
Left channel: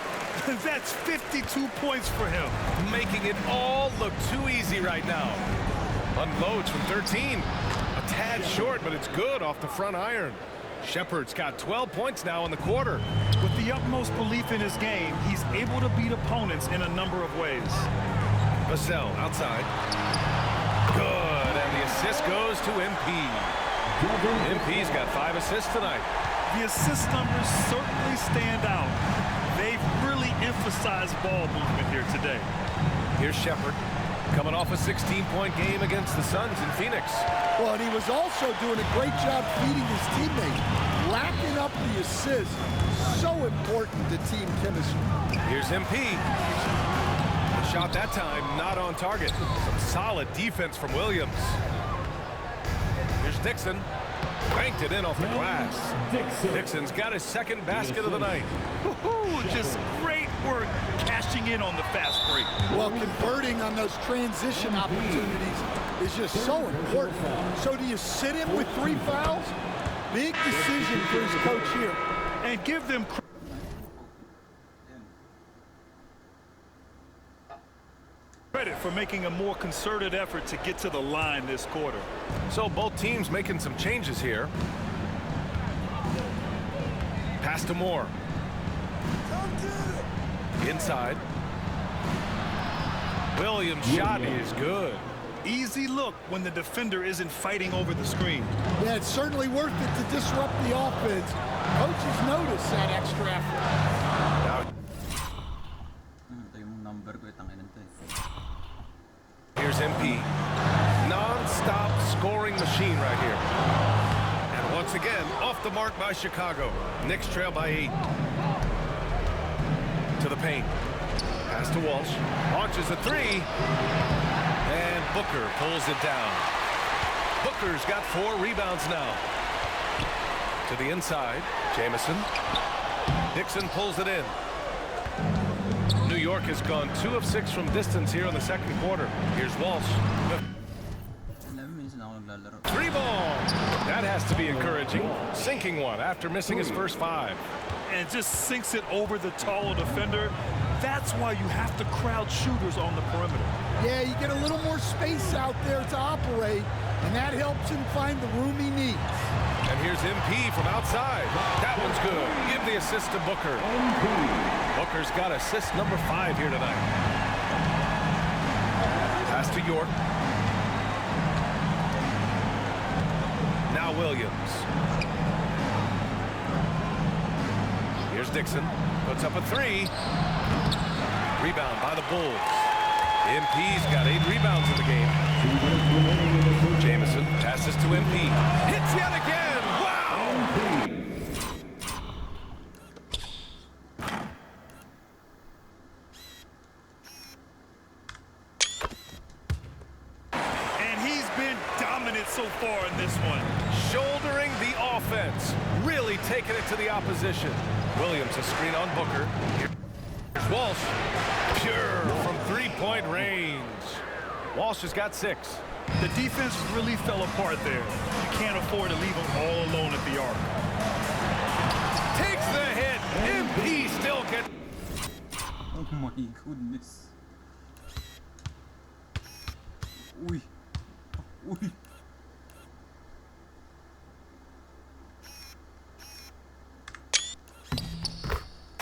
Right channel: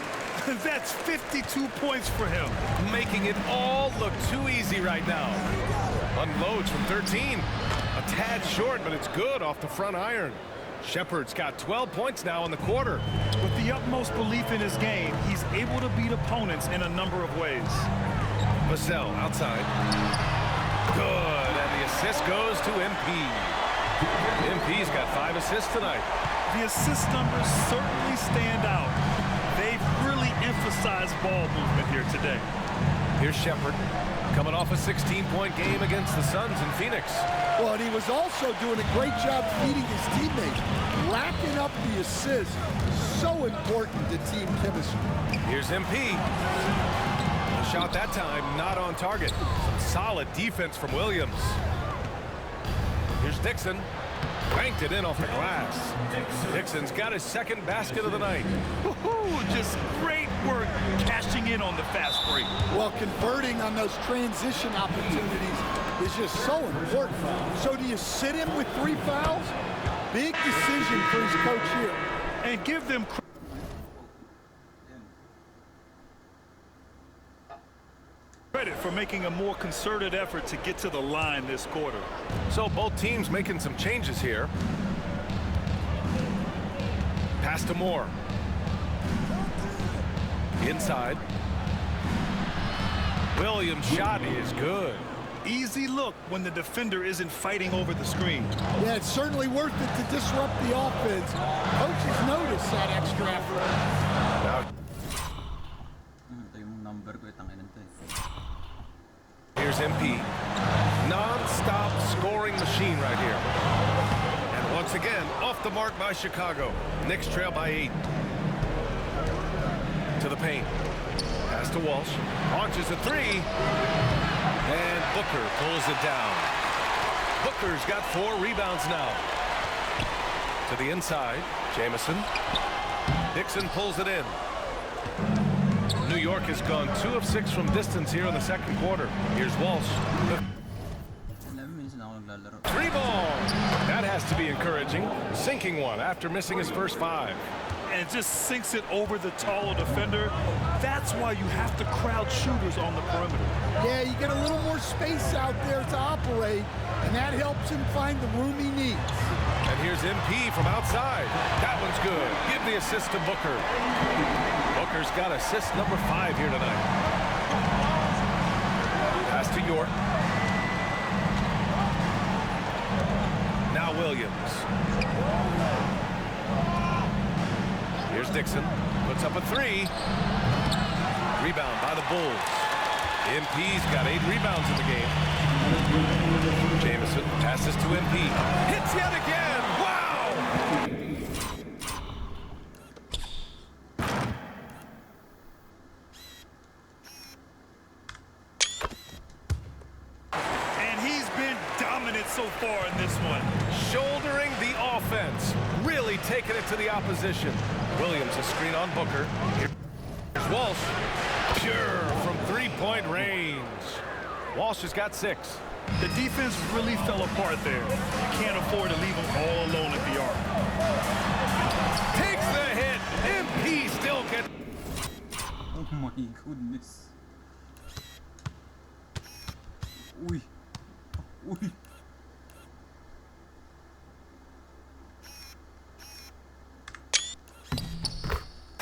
That's 52 points for him. Making it all look too easy right now. Unloads from 13. A tad short, but it's good off the front iron. Shepard's got 12 points now in the quarter. With the utmost belief in his game, he's able to beat opponents in a number of ways. Vassell outside. Good, and the the assist goes to MP. MP's got 5 assists tonight. The assist numbers certainly stand out. They've really emphasized ball movement here today. Here's Shepard, coming off a 16-point game against the Suns in Phoenix. Well, and he was also doing a great job feeding his teammates, racking up the assists. So important to team chemistry. Here's MP. The shot that time not on target. Some solid defense from Williams. Here's Dixon. Banked it in off the glass. Dixon's got his second basket of the night. Just great work cashing in on the fast break. Well, converting on those transition opportunities is just so important. So do you sit him with 3 fouls? Big decision for his coach here. And give them credit for making a more concerted effort to get to the line this quarter. So both teams making some changes here. Pass to Moore. Inside. Williams' shot is good. Easy look when the defender isn't fighting over the screen. Yeah, it's certainly worth it to disrupt the offense. Coaches notice that extra effort. Now, Ito yung number ko, itanginan to eh. here's MP. Non-stop scoring machine right here. And once again, off the mark by Chicago. Knicks trail by 8. To the paint. Pass to Walsh. Launches a 3. And Booker pulls it down. Booker's got 4 rebounds now. To the inside, Jamison. Dixon pulls it in. New York has gone 2 of 6 from distance here in the second quarter. Here's Walsh. 11 minutes na ako naglalaro. 3 ball. That has to be encouraging. Sinking one after missing his first 5. And just sinks it over the taller defender. That's why you have to crowd shooters on the perimeter. Yeah, you get a little more space out there to operate, and that helps him find the room he needs. And here's MP from outside. That one's good. Give the assist to Booker. Booker's got assist number 5 here tonight. Pass to York. Now Williams. Here's Dixon. Puts up a 3. Rebound by the Bulls. MP's got 8 rebounds in the game. Jamison passes to MP. Hits yet again. Wow! And he's been dominant so far in this one. Shouldering the offense. Really taking it to the opposition. Williams a screen on Booker. Here's Walsh. Pure from 3-point range. Walsh has got 6. The defense really fell apart there. You can't afford to leave them all alone at the arc. Takes the hit. MP still gets. Oh my goodness. Uy. Uy.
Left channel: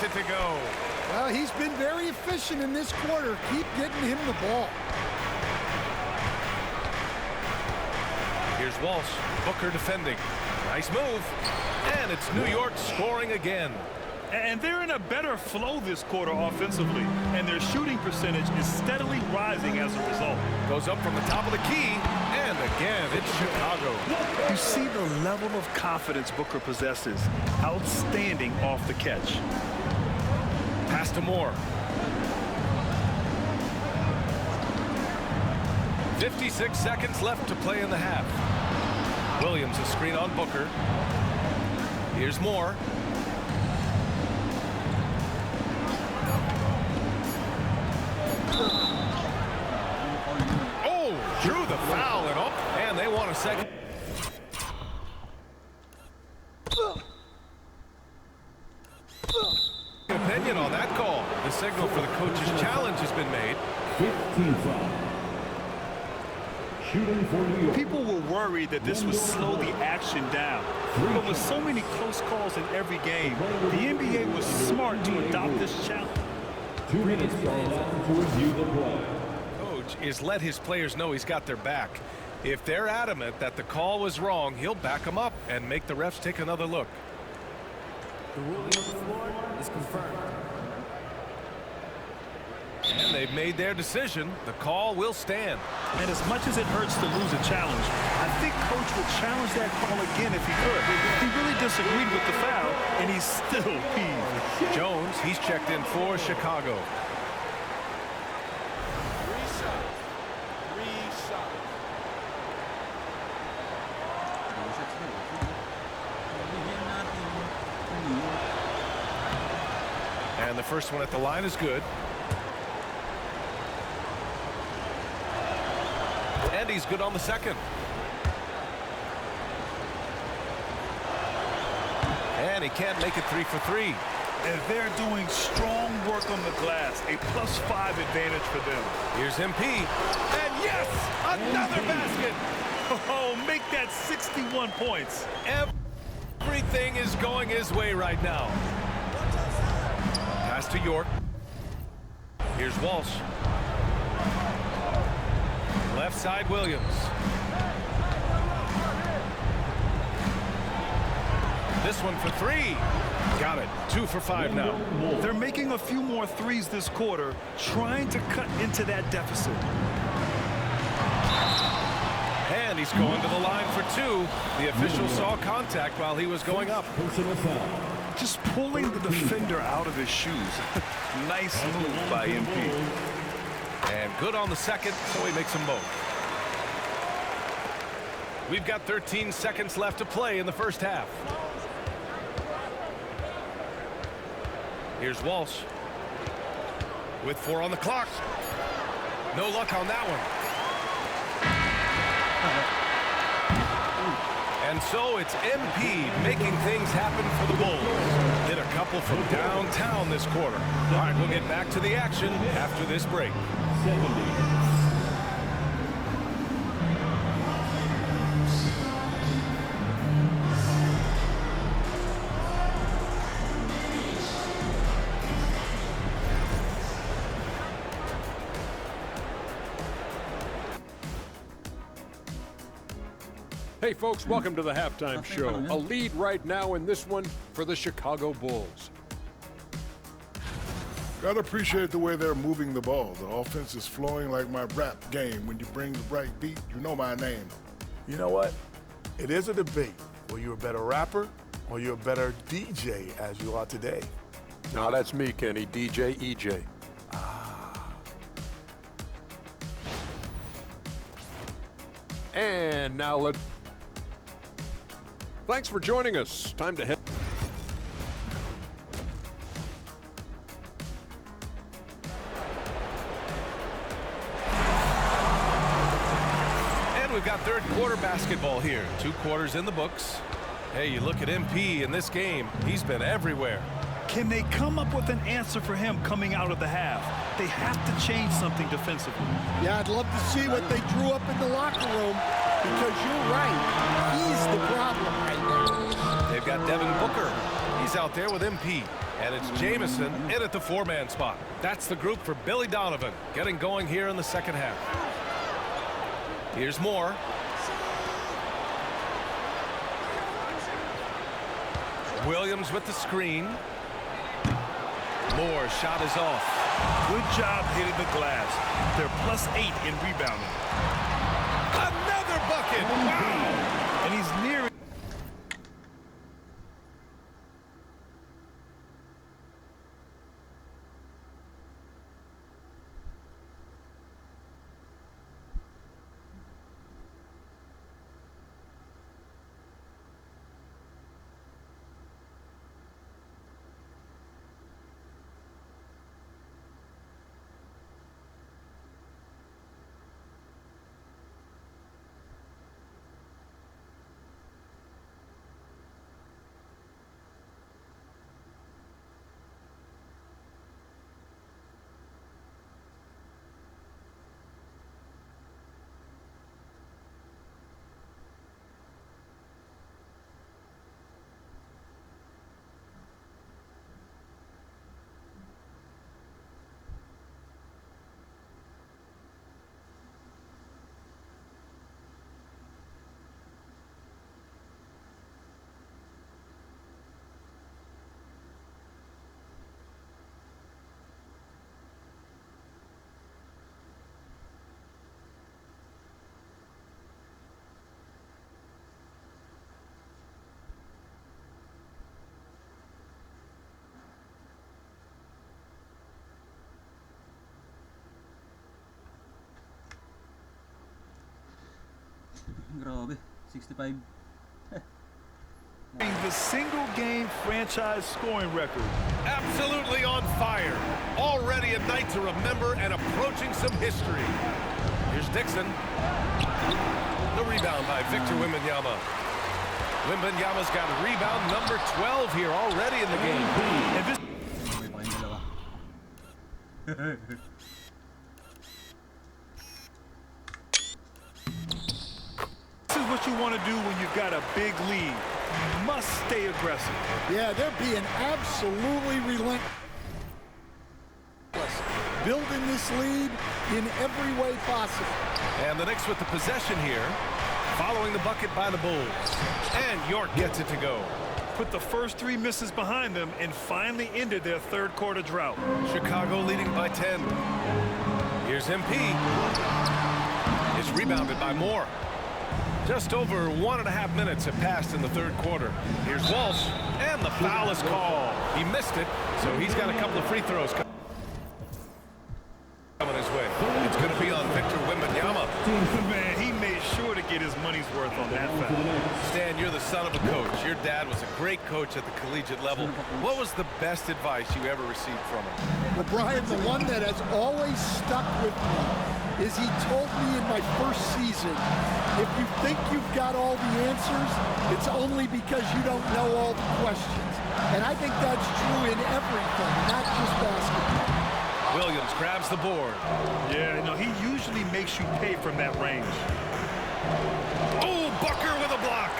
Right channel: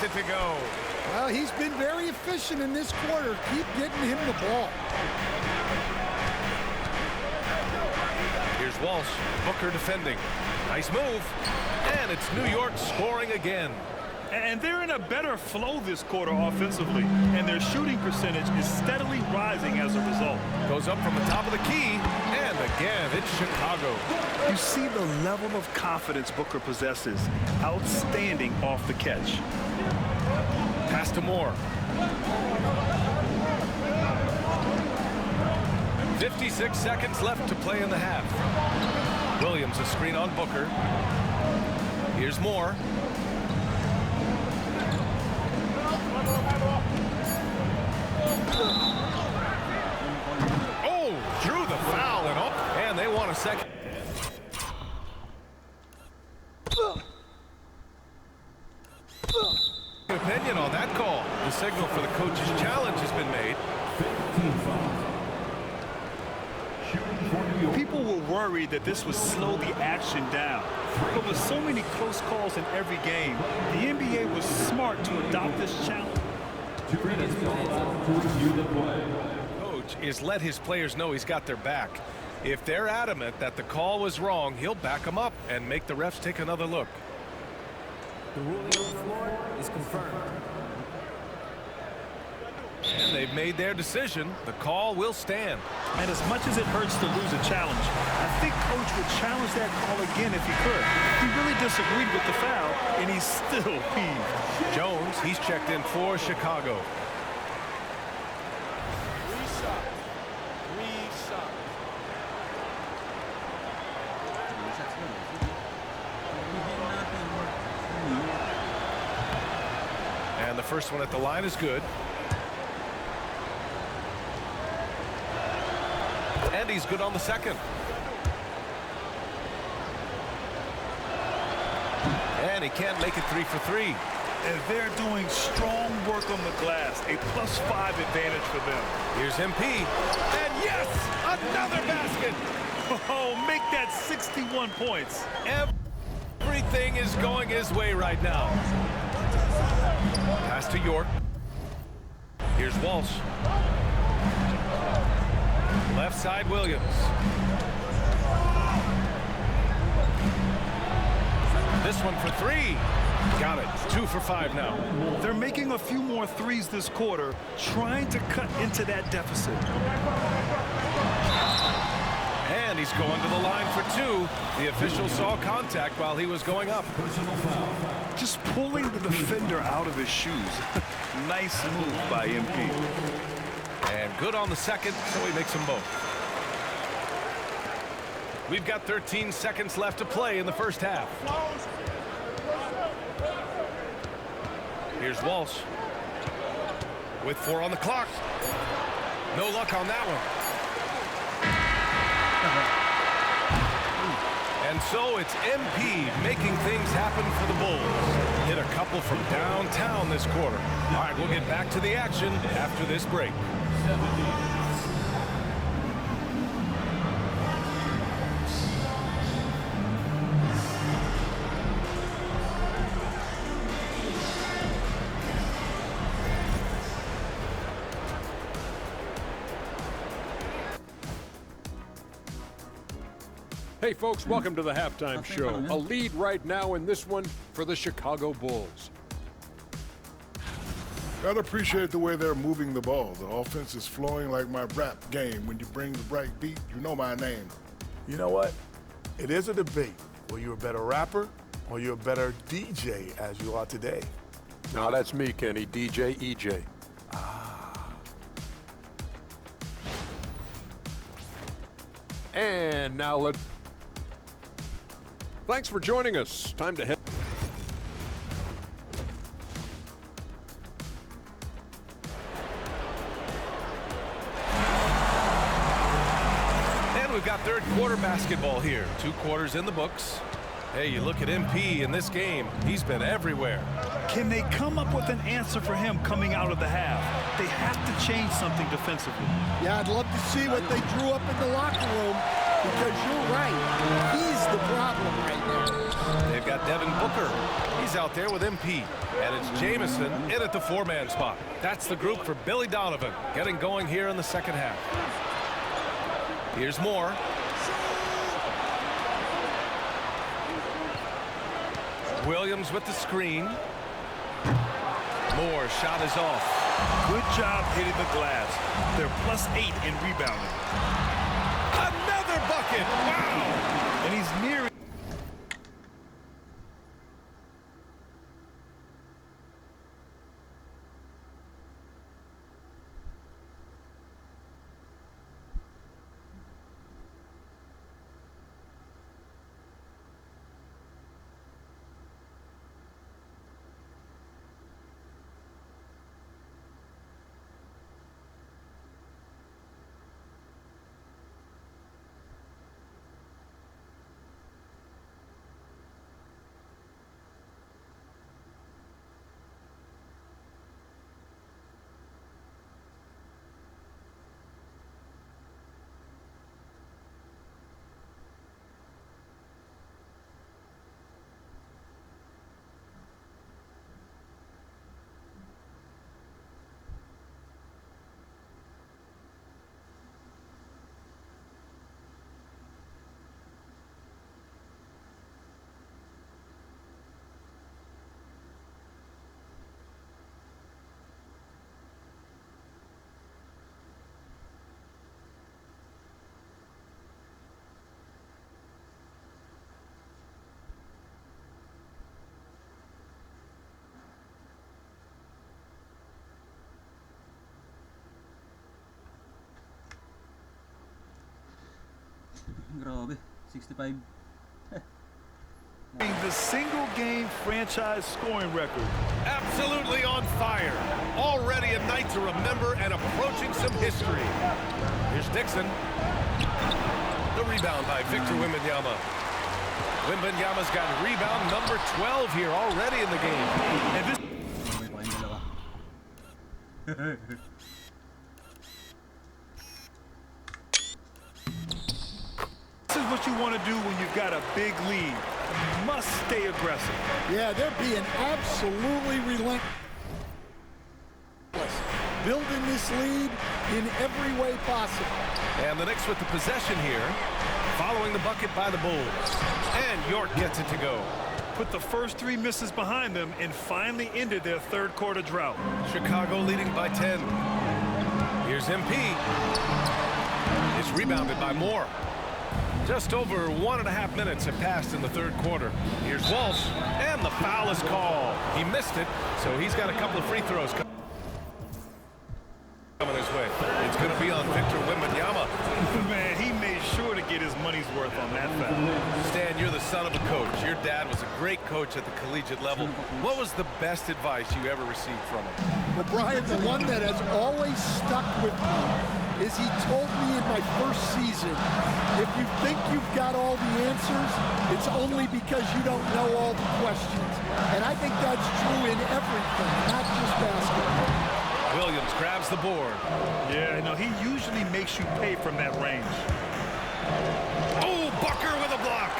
To go. Well, he's been very efficient in this quarter. Keep getting him the ball. Here's Walsh. Booker defending. Nice move. And it's New York scoring again. And they're in a better flow this quarter offensively. And their shooting percentage is steadily rising as a result. Goes up from the top of the key. And again, it's Chicago. You see the level of confidence Booker possesses. Outstanding off the catch. Pass to Moore. 56 seconds left to play in the half. Williams a screen on Booker. Here's Moore. Oh, drew the foul and up, and they want a second. Opinion on that call. The signal for the coach's challenge has been made. 15-5. Shooting for New York. People were worried that this would slow the action down. But with so many close calls in every game, the NBA was smart to adopt this challenge. 2 minutes allowed to review the play. Coach is let his players know he's got their back. If they're adamant that the call was wrong, he'll back them up and make the refs take another look. The ruling on the floor is confirmed. And they've made their decision. The call will stand. And as much as it hurts to lose a challenge, I think Coach will challenge that call again if he could. He really disagreed with the foul, and he's still peeved. Jones, he's checked in for Chicago. 3 shots. 3 shots. 3 shots daw eh. Sige. Bigyan natin ng New York. And the first one at the line is good. And he's good on the second. And he can't make it 3 for 3. And they're doing strong work on the glass, a +5 advantage for them. Here's MP. And yes, another basket. Oh, make that 61 points. Everything is going his way right now. Pass to York. Here's Walsh. Left side, Williams. This one for 3. Got it. 2 for 5 now. They're making a few more threes this quarter, trying to cut into that deficit. And he's going to the line for 2. The official saw contact while he was going up. Personal foul. Just pulling the defender out of his shoes. Nice move by MP. And good on the second, so he makes them both. We've got 13 seconds left to play in the first half. Here's Walsh. With 4 on the clock. No luck on that one. And so it's MP making things happen for the Bulls. Hit a couple from downtown this quarter. All right, we'll get back to the action after this break. 70. Hey folks, welcome to the halftime show. A lead right now in this one for the Chicago Bulls. Gotta appreciate the way they're moving the ball. The offense is flowing like my rap game. When you bring the right beat, you know my name. You know what? It is a debate. Were you a better rapper or you're a better DJ as you are today? No, that's me, Kenny. DJ EJ. And now thanks for joining us. Time to head. And we've got third quarter basketball here. 2 quarters in the books. Hey, you look at MP in this game, he's been everywhere. Can they come up with an answer for him coming out of the half? They have to change something defensively. Yeah, I'd love to see what they drew up in the locker room, because you're right. He's the problem right now. They've got Devin Booker. He's out there with MP. And it's Jamison in at the 4-man spot. That's the group for Billy Donovan, getting going here in the second half. Here's Moore. Williams with the screen. Moore's shot is off. Good job hitting the glass. They're +8 in rebounding. Another bucket! Wow! And he's near. Grabe, 65. The single game franchise scoring record. Absolutely on fire. Already a night to remember and approaching some history. Here's Dixon. The rebound by Victor Wembanyama. Wembanyama's got rebound number 12 here already in the game. And this is what you want to do when you've got a big lead. You must stay aggressive. Yeah, they're being absolutely relentless. Building this lead in every way possible. And the Knicks with the possession here, following the bucket by the Bulls. And York gets it to go. Put the first 3 misses behind them and finally ended their third quarter drought. Chicago leading by 10. Here's MP. It's rebounded by Moore. Just over 1.5 minutes have passed in the third quarter. Here's Walsh, and the foul is called. He missed it, so he's got a couple of free throws coming his way. It's going to be on Victor Wembanyama. Man, he made sure to get his money's worth on that foul. Stan, you're the son of a coach. Your dad was a great coach at the collegiate level. What was the best advice you ever received from him? Well, Brian, the one that has always stuck with me is he told me in my first season, if you think you've got all the answers, it's only because you don't know all the questions. And I think that's true in everything, not just basketball. Williams grabs the board. Yeah, no, he usually makes you pay from that range. Oh, Bucker with a block.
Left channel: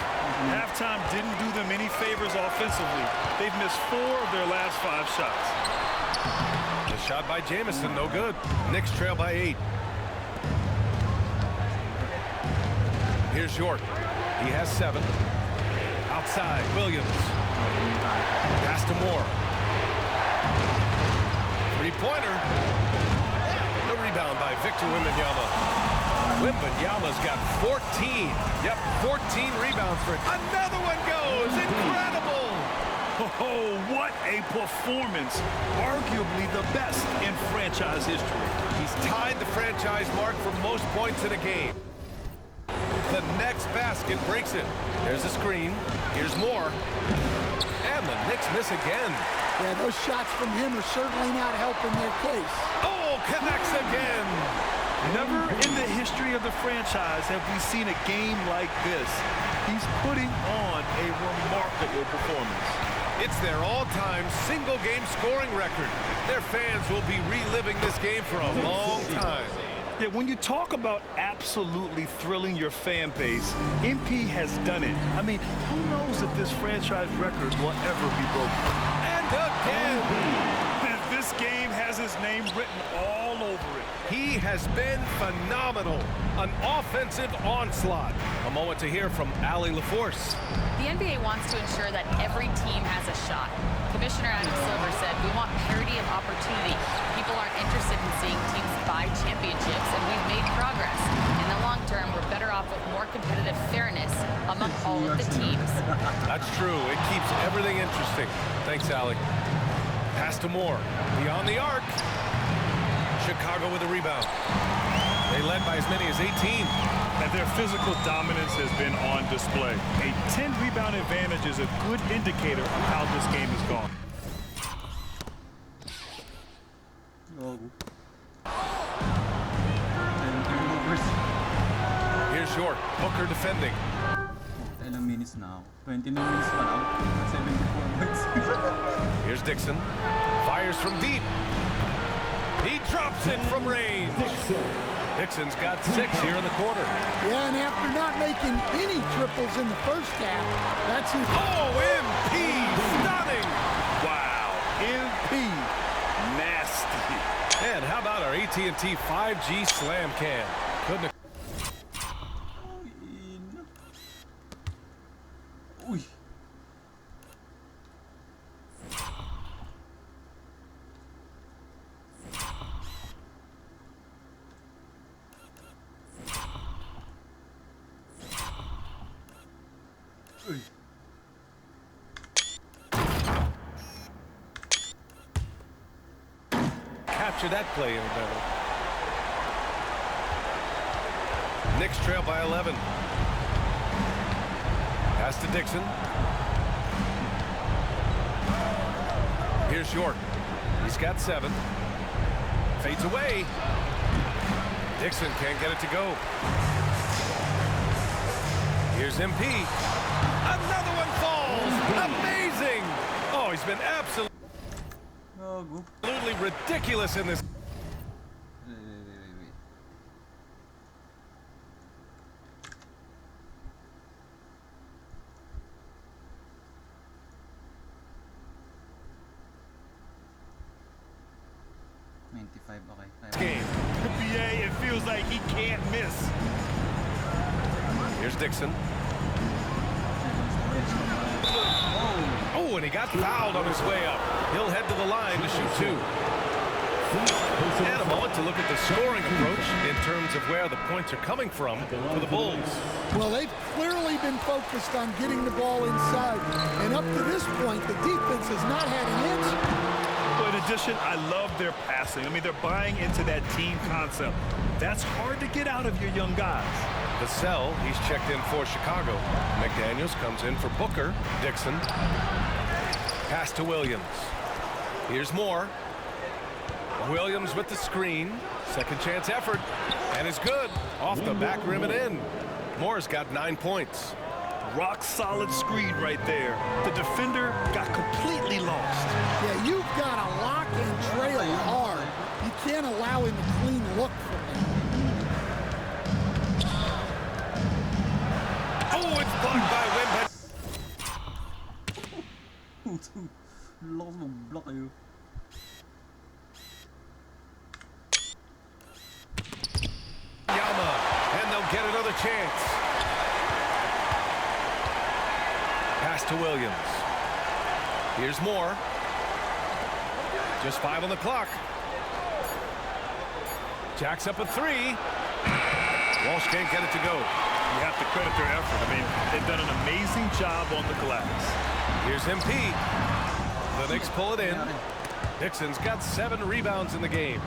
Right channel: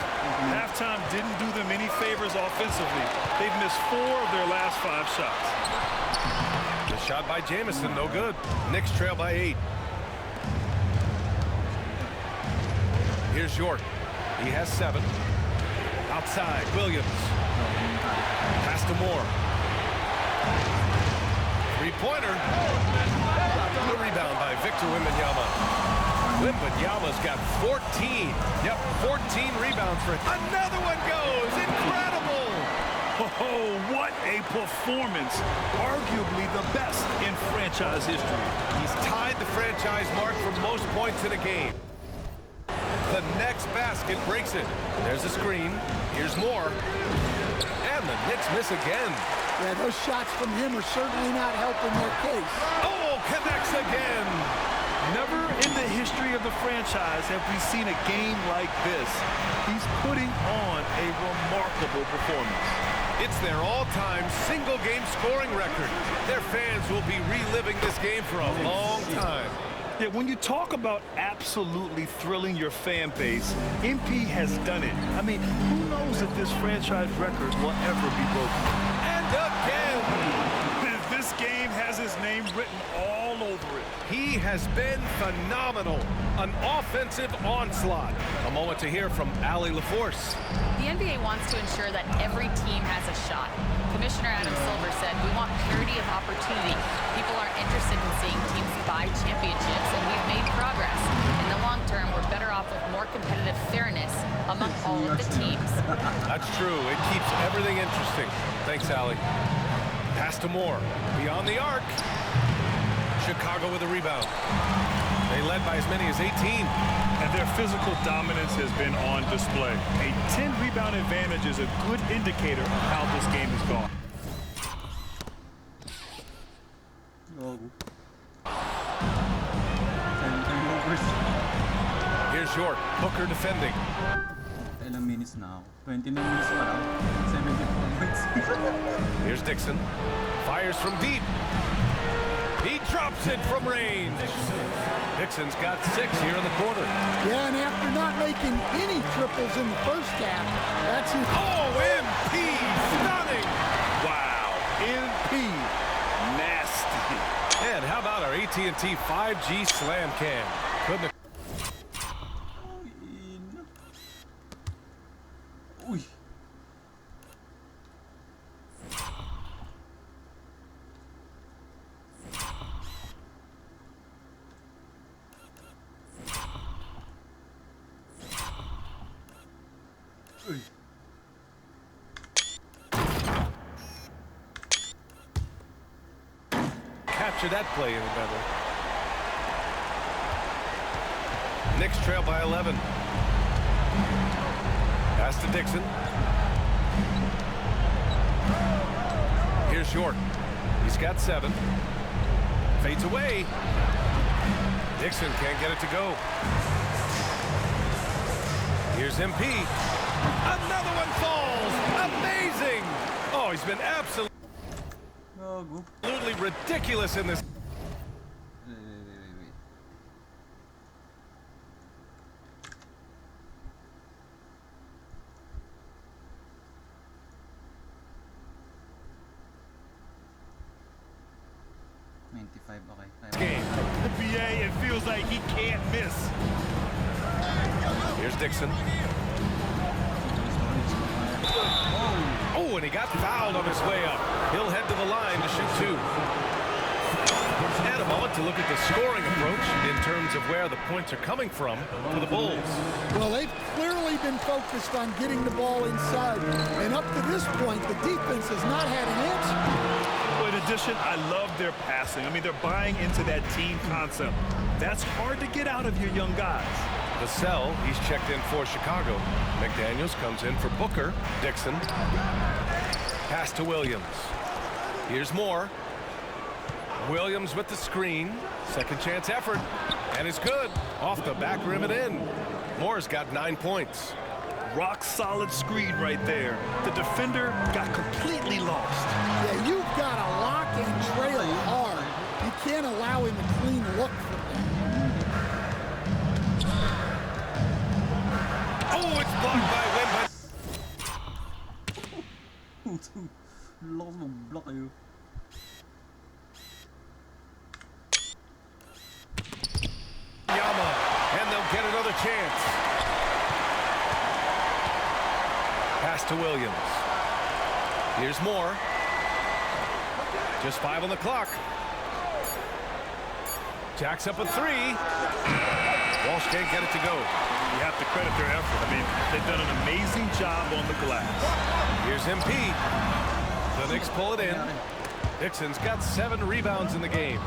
Halftime didn't do them any favors offensively. They've missed 4 of their last 5 shots. The shot by Jamison, no good. Knicks trail by 8. Here's York. He has 7. Outside, Williams. Pass to Moore. Three-pointer. The rebound by Victor Wembanyama. Wembanyama's got 14. Yep, 14 rebounds for him. Another one goes. Incredible. Oh, what a performance. Arguably the best in franchise history. He's tied the franchise mark for most points in a game. The next basket breaks it. There's a screen. Here's Moore. And the Knicks miss again. Yeah, those shots from him are certainly not helping their case. Oh, connects again. Never in the history of the franchise have we seen a game like this. He's putting on a remarkable performance. It's their all-time single-game scoring record. Their fans will be reliving this game for a long time. Yeah, when you talk about absolutely thrilling your fan base, MP has done it. I mean, who knows if this franchise record will ever be broken? And again! This game has his name written all over it. He has been phenomenal. An offensive onslaught. A moment to hear from Allie LaForce. The NBA wants to ensure that every team has a shot. Commissioner Adam Silver said, we want parity of opportunity. People aren't interested in seeing teams buy championships, and we've made progress. In the long term, we're better off with more competitive fairness among all of the teams. That's true. It keeps everything interesting. Thanks, Allie. Pass to Moore. Beyond the arc. Chicago with a rebound. They led by as many as 18. And their physical dominance has been on display. A 10-rebound advantage is a good indicator of how this game has gone. Oh. 7 turnovers. Here's York. Booker defending. Ilang minutes now? 29 minutes pa lang. 74 points. Here's Dixon. Fires from deep. He drops it from range. Dixon's got 6 here in the quarter. Yeah, and after not making any triples in the first half, that's his... Oh, MP! Stunning! Wow, MP. Nasty. And how about our AT&T 5G Slam Cam? Couldn't have... Uy. Capture that play any better. Knicks trail by 11. Pass to Dixon. Here's York. He's got 7. Fades away. Dixon can't get it to go. Here's MP. Another one falls. Amazing. Oh, he's been absolutely ridiculous in this. Wait. 95, okay. Game. The BA, it feels like he can't miss. Here's Dixon. Oh, and he got fouled on his way up. He'll head to the line to shoot 2. And a moment to look at the scoring approach in terms of where the points are coming from for the Bulls. Well, they've clearly been focused on getting the ball inside. And up to this point, the defense has not had an answer. Well, in addition, I love their passing. I mean, they're buying into that team concept. That's hard to get out of your young guys. Vassell, he's checked in for Chicago. McDaniels comes in for Booker. Dixon. Pass to Williams. Here's Moore. Williams with the screen. Second chance effort. And it's good. Off the back rim and in. Moore's got 9 points. Rock solid screen right there. The defender got completely lost. Yeah, you've got to lock and trail hard. You can't allow him a clean look from there. Oh, it's blocked by Wimby. Yama, and they'll get another chance. Pass to Williams. Here's Moore. Just 5 on the clock. Jacks up a 3. Walsh can't get it to go. You have to credit their effort. I mean, they've done an amazing job on the glass. Here's MP. The Knicks pull it in. Dixon's got 7 rebounds in the game.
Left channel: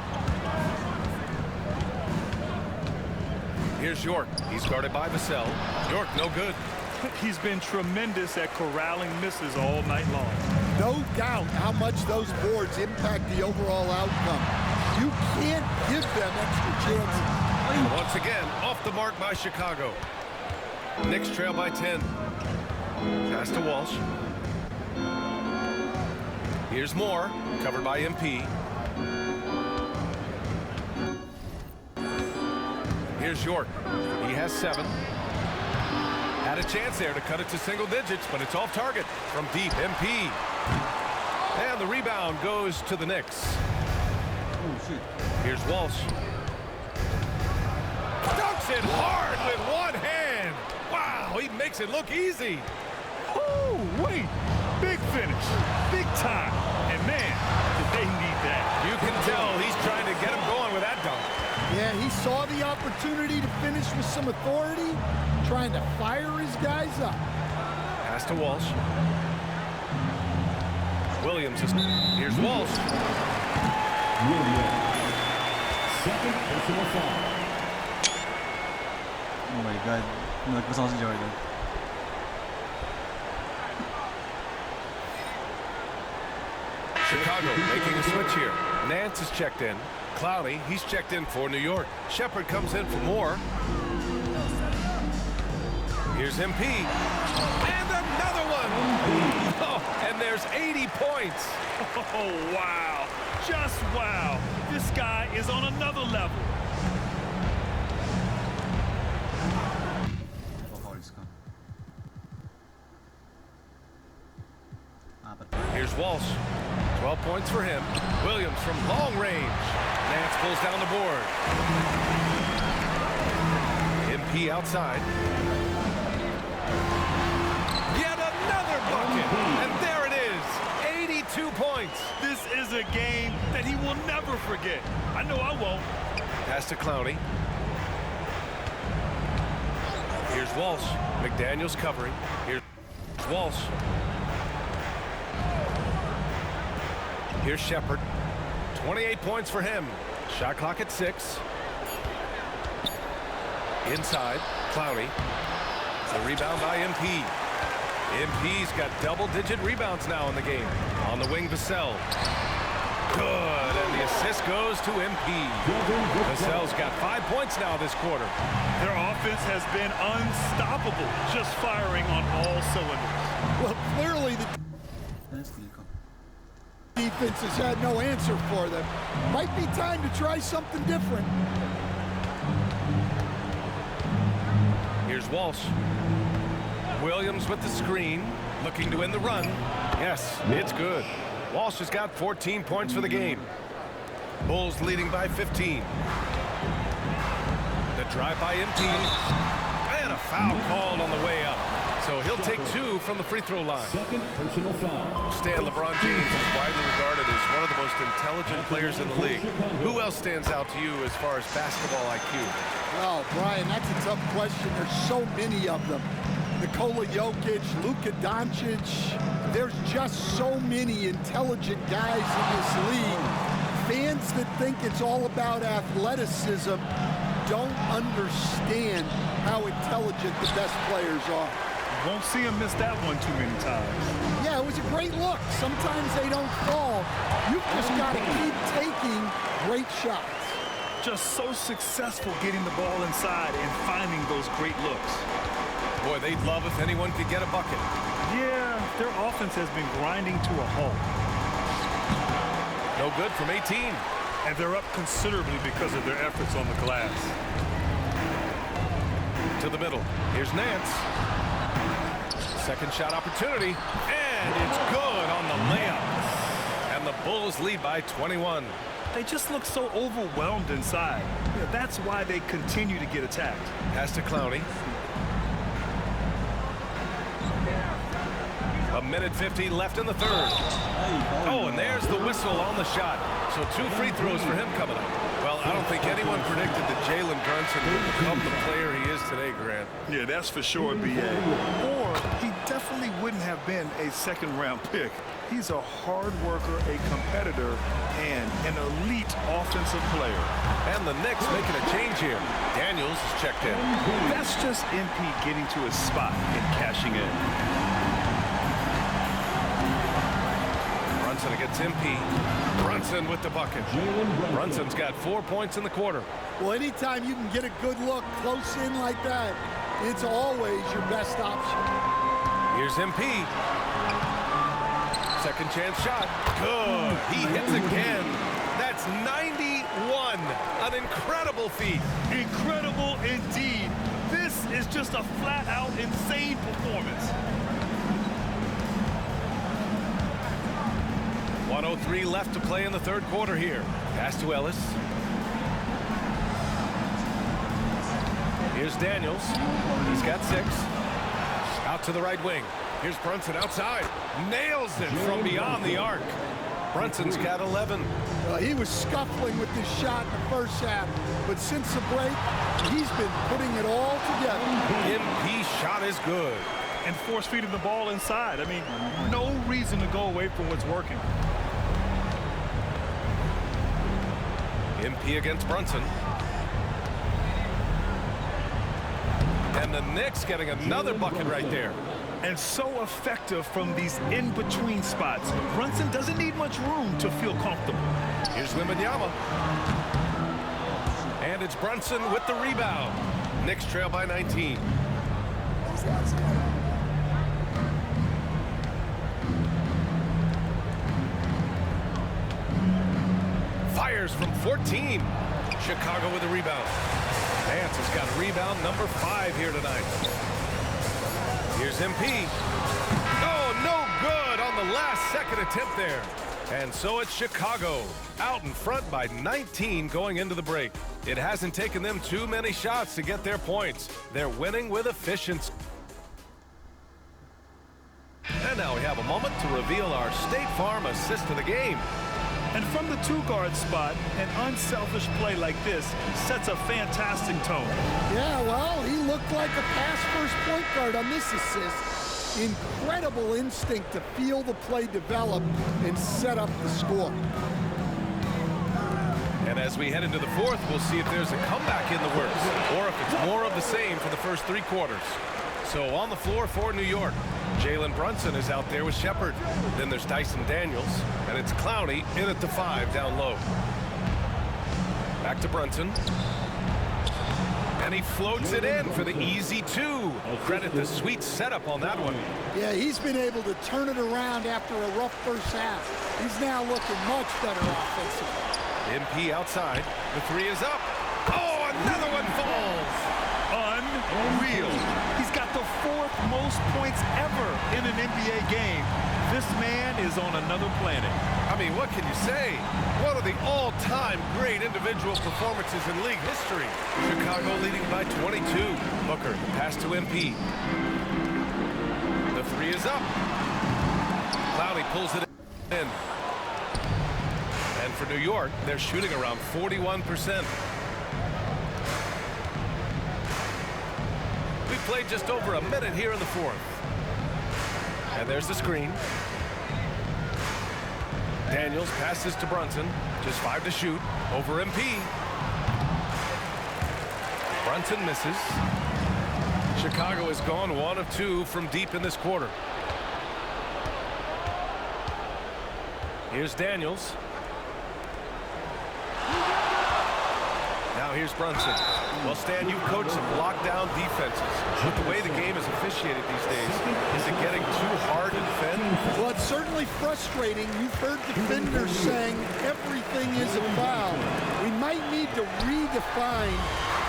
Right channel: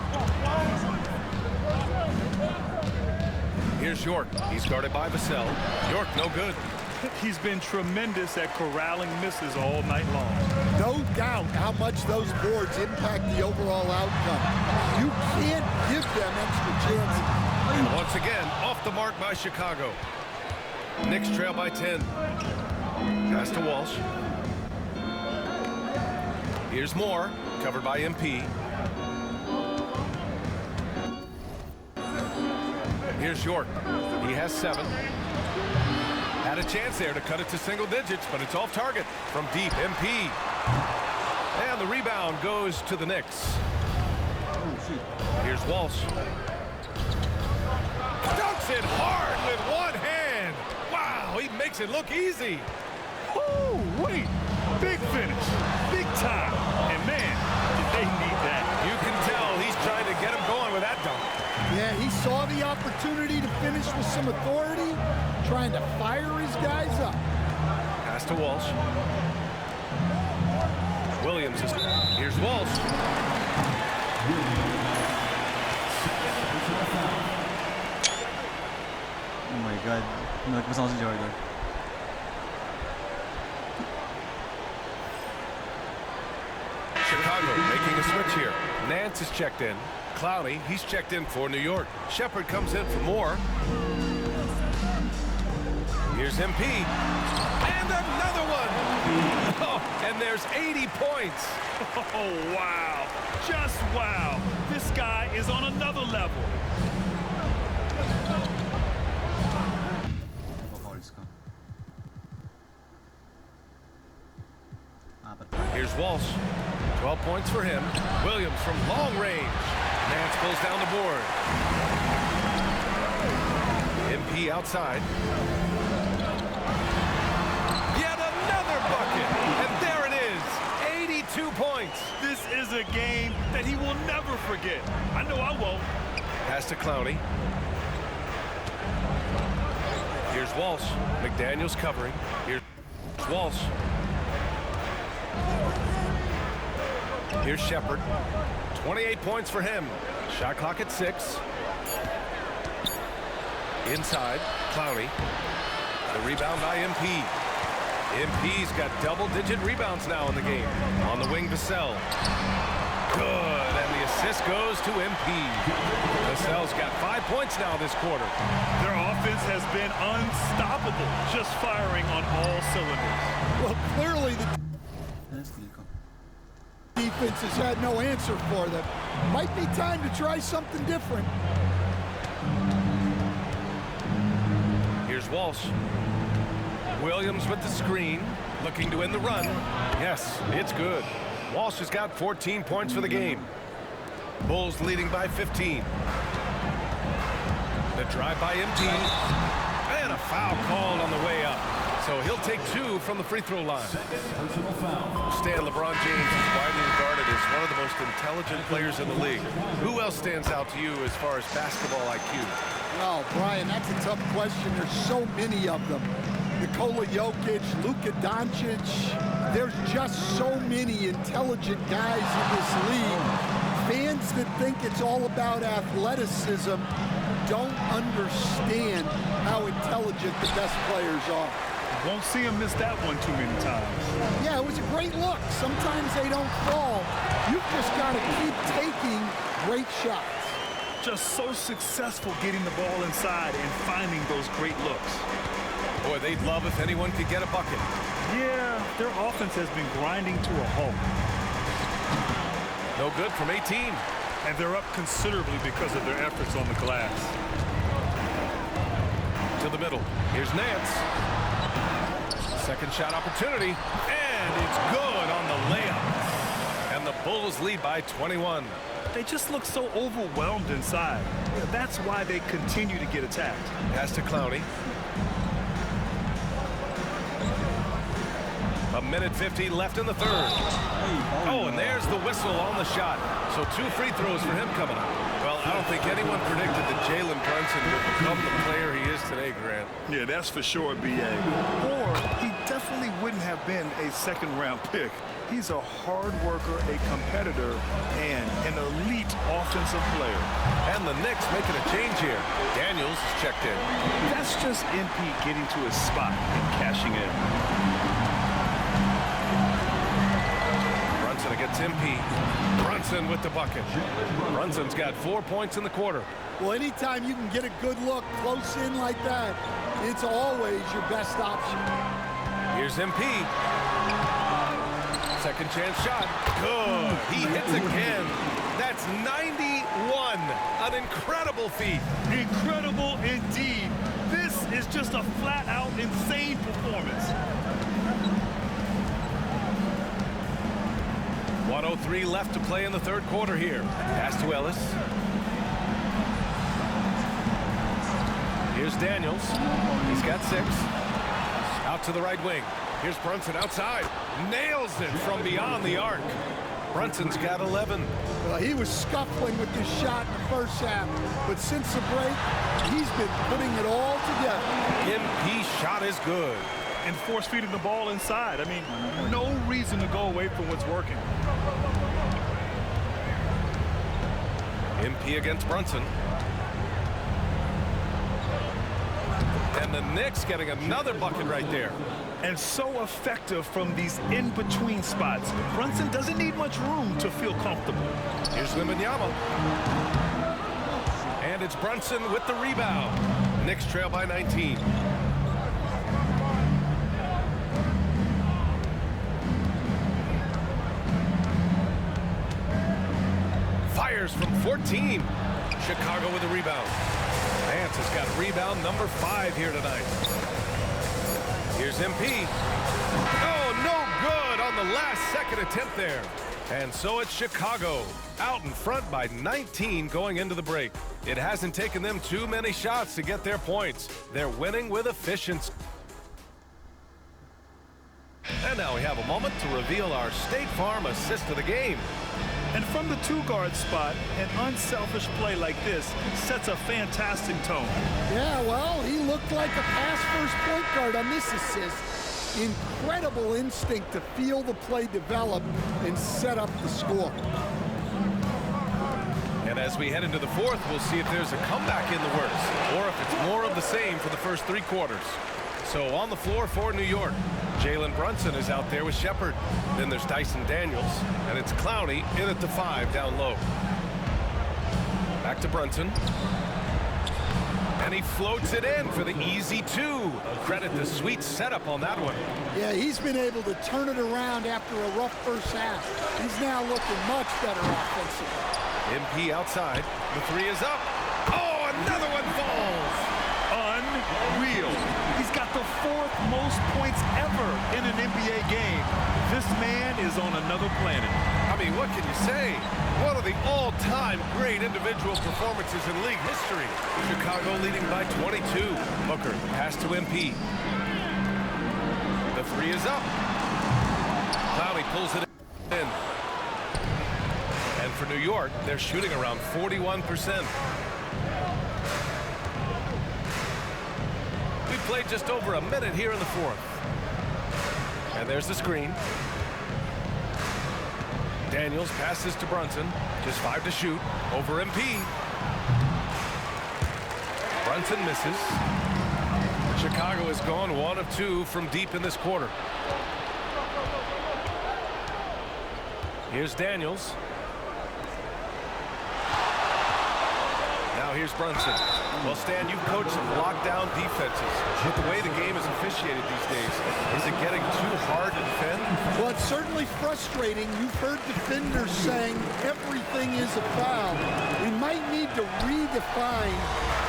Here's York. He's guarded by Vassell. York, no good. He's been tremendous at corralling misses all night long. No doubt how much those boards impact the overall outcome. You can't give them extra chances. And once again, off the mark by Chicago. Knicks trail by 10. Pass to Walsh. Here's Moore, covered by MP. Here's York. He has 7. Had a chance there to cut it to single digits, but it's off target from deep. MP. And the rebound goes to the Knicks. Oh, shit. Here's Walsh. Dunks it hard with one hand. Wow, he makes it look easy. Oh, wait. Big finish. Big time. And man, did they need that. You can tell he's trying to get him going with that dunk. Yeah, he saw the opportunity to finish with some authority, trying to fire his guys up. Pass to Walsh. Williams is. Here's Walsh. Oh my God. Nagpasa ako si Jordan. Chicago making a switch here. Nance is checked in. Clowney, he's checked in for New York. Shepard comes in for Moore. Here's MP. And another one. Oh, and there's 80 points. Oh, wow. Just wow. This guy is on another level. Here's Walsh. 12 points for him. Williams from long range. Nance pulls down the board. MP outside. Yet another bucket. And there it is. 82 points. This is a game that he will never forget. I know I won't. Pass to Clowney. Here's Walsh. McDaniels covering. Here's Walsh. Here's Shepard. 28 points for him. Shot clock at 6. Inside, Clowney. The rebound by MP. MP's got double-digit rebounds now in the game. On the wing, Vassell. Good, and the assist goes to MP. Vassell's got 5 points now this quarter. Their offense has been unstoppable, just firing on all cylinders. Well, clearly the defense has had no answer for them. Might be time to try something different. Here's Walsh. Williams with the screen, looking to win the run. Yes, it's good. Walsh has got 14 points for the game. Bulls leading by 15. The drive by MP. And a foul called on the way up. So he'll take 2 from the free throw line. Second personal foul. Stan, LeBron James is widely regarded as one of the most intelligent players in the league. Who else stands out to you as far as basketball IQ? Oh, Brian, that's a tough question. There's so many of them. Nikola Jokic, Luka Doncic. There's just so many intelligent guys in this league. Fans that think it's all about athleticism don't understand how intelligent the best players are. Won't see him miss that one too many times. Yeah, it was a great look. Sometimes they don't fall. You've just got to keep taking great shots. Just so successful getting the ball inside and finding those great looks. Boy, they'd love if anyone could get a bucket. Yeah, their offense has been grinding to a halt. No good from 18. And they're up considerably because of their efforts on the glass. To the middle. Here's Nance. Second shot opportunity. And it's good on the layup. And the Bulls lead by 21. They just look so overwhelmed inside. Yeah, that's why they continue to get attacked. Pass to Clowney. A minute 50 left in the third. Oh, and there's the whistle on the shot. So 2 free throws for him coming up. Well, I don't think anyone predicted that Jalen Brunson would become the player he is today, Grant. Yeah, that's for sure, B.A. Or he definitely wouldn't have been a second-round pick. He's a hard worker, a competitor, and an elite offensive player. And the Knicks making a change here. Daniels is checked in. That's just MP getting to his spot and cashing in. Brunson against MP. Brunson with the bucket. Brunson's got 4 points in the quarter. Well, anytime you can get a good look close in like that, it's always your best option. Here's MP. Second chance shot. Good. He hits again. That's 91. An incredible feat. Incredible indeed. This is just a flat-out insane performance. 1:03 left to play in the third quarter here. Pass to Ellis. Here's Daniels. He's got 6. Out to the right wing. Here's Brunson outside. Nails it from beyond the arc. Brunson's got 11. Well, he was scuffling with this shot in the first half, but since the break, he's been putting it all together. MP's shot is good. And force feeding the ball inside. I mean, no reason to go away from what's working. MP against Brunson. And the Knicks getting another bucket right there. And so effective from these in-between spots. Brunson doesn't need much room to feel comfortable. Here's Wembanyama. And it's Brunson with the rebound. Knicks trail by 19. Fires from 14. Chicago with a rebound. Nance has got rebound number 5 here tonight. Here's MP. Oh, no good on the last second attempt there. And so it's Chicago out in front by 19 going into the break. It hasn't taken them too many shots to get their points. They're winning with efficiency. And now we have a moment to reveal our State Farm assist of the game. And from the 2-guard spot, an unselfish play like this sets a fantastic tone. Yeah, well, he looked like a pass-first point guard on this assist. Incredible instinct to feel the play develop and set up the score. And as we head into the fourth, we'll see if there's a comeback in the works or if it's more of the same for the first 3 quarters. So on the floor for New York, Jalen Brunson is out there with Shepard. Then there's Dyson Daniels, and it's Clowney in at the 5 down low. Back to Brunson. And he floats it in for the easy 2. Credit the sweet setup on that one. Yeah, he's been able to turn it around after a rough first half. He's now looking much better offensively. MP outside. The 3 is up. Oh, another one falls. Unreal. He's got the 4th most points ever in an NBA game. This man is on another planet. I mean, what can you say? One of the all-time great individual performances in league history. Chicago leading by 22. Booker, the pass to MP. The 3 is up. Clowney pulls it in. And for New York, they're shooting around 41%. We played just over a minute here in the fourth. And there's the screen. Daniels passes to Brunson. Just 5 to shoot. Over MP. Brunson misses. Chicago has gone 1 of 2 from deep in this quarter. Here's Daniels. Now here's Brunson. Well, Stan, you've coached some lockdown defenses. With the way the game is officiated these days, is it getting too hard to defend? Well, it's certainly frustrating. You've heard defenders saying everything is a foul. We might need to redefine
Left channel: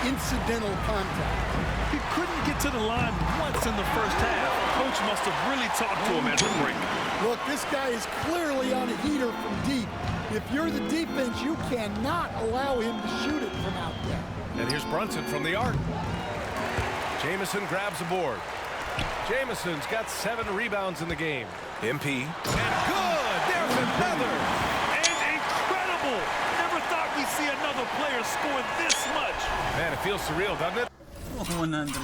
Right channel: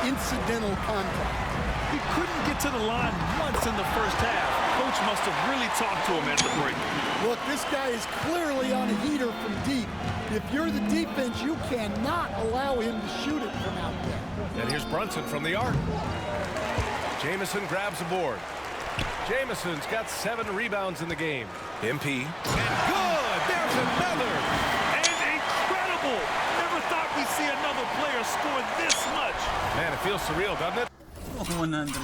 incidental contact. He couldn't get to the line once in the first half. Coach must have really talked to him at the break. Look, this guy is clearly on a heater from deep. If you're the defense, you cannot allow him to shoot it from out there. And here's Brunson from the arc. Jamison grabs a board. Jamison's got 7 rebounds in the game. MP. And good! There's another! And incredible! Never thought we'd see another player score this much. Man, it feels surreal, doesn't it? 100.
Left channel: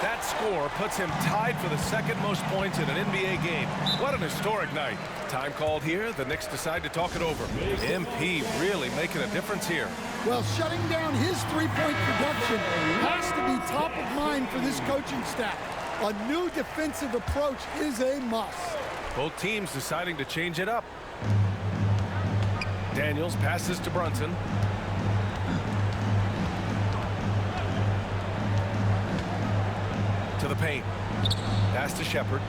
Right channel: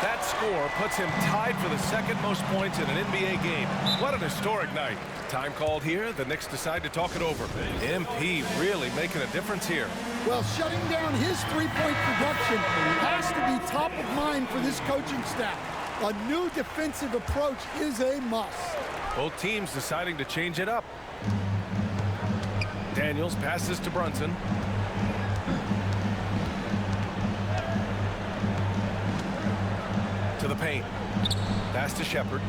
That score puts him tied for the 2nd most points in an NBA game. What an historic night. Time called here. The Knicks decide to talk it over. MP really making a difference here. Well, shutting down his three-point production has to be top of mind for this coaching staff. A new defensive approach is a must. Both teams deciding to change it up. Daniels passes to Brunson. To the paint. Pass to Shepard.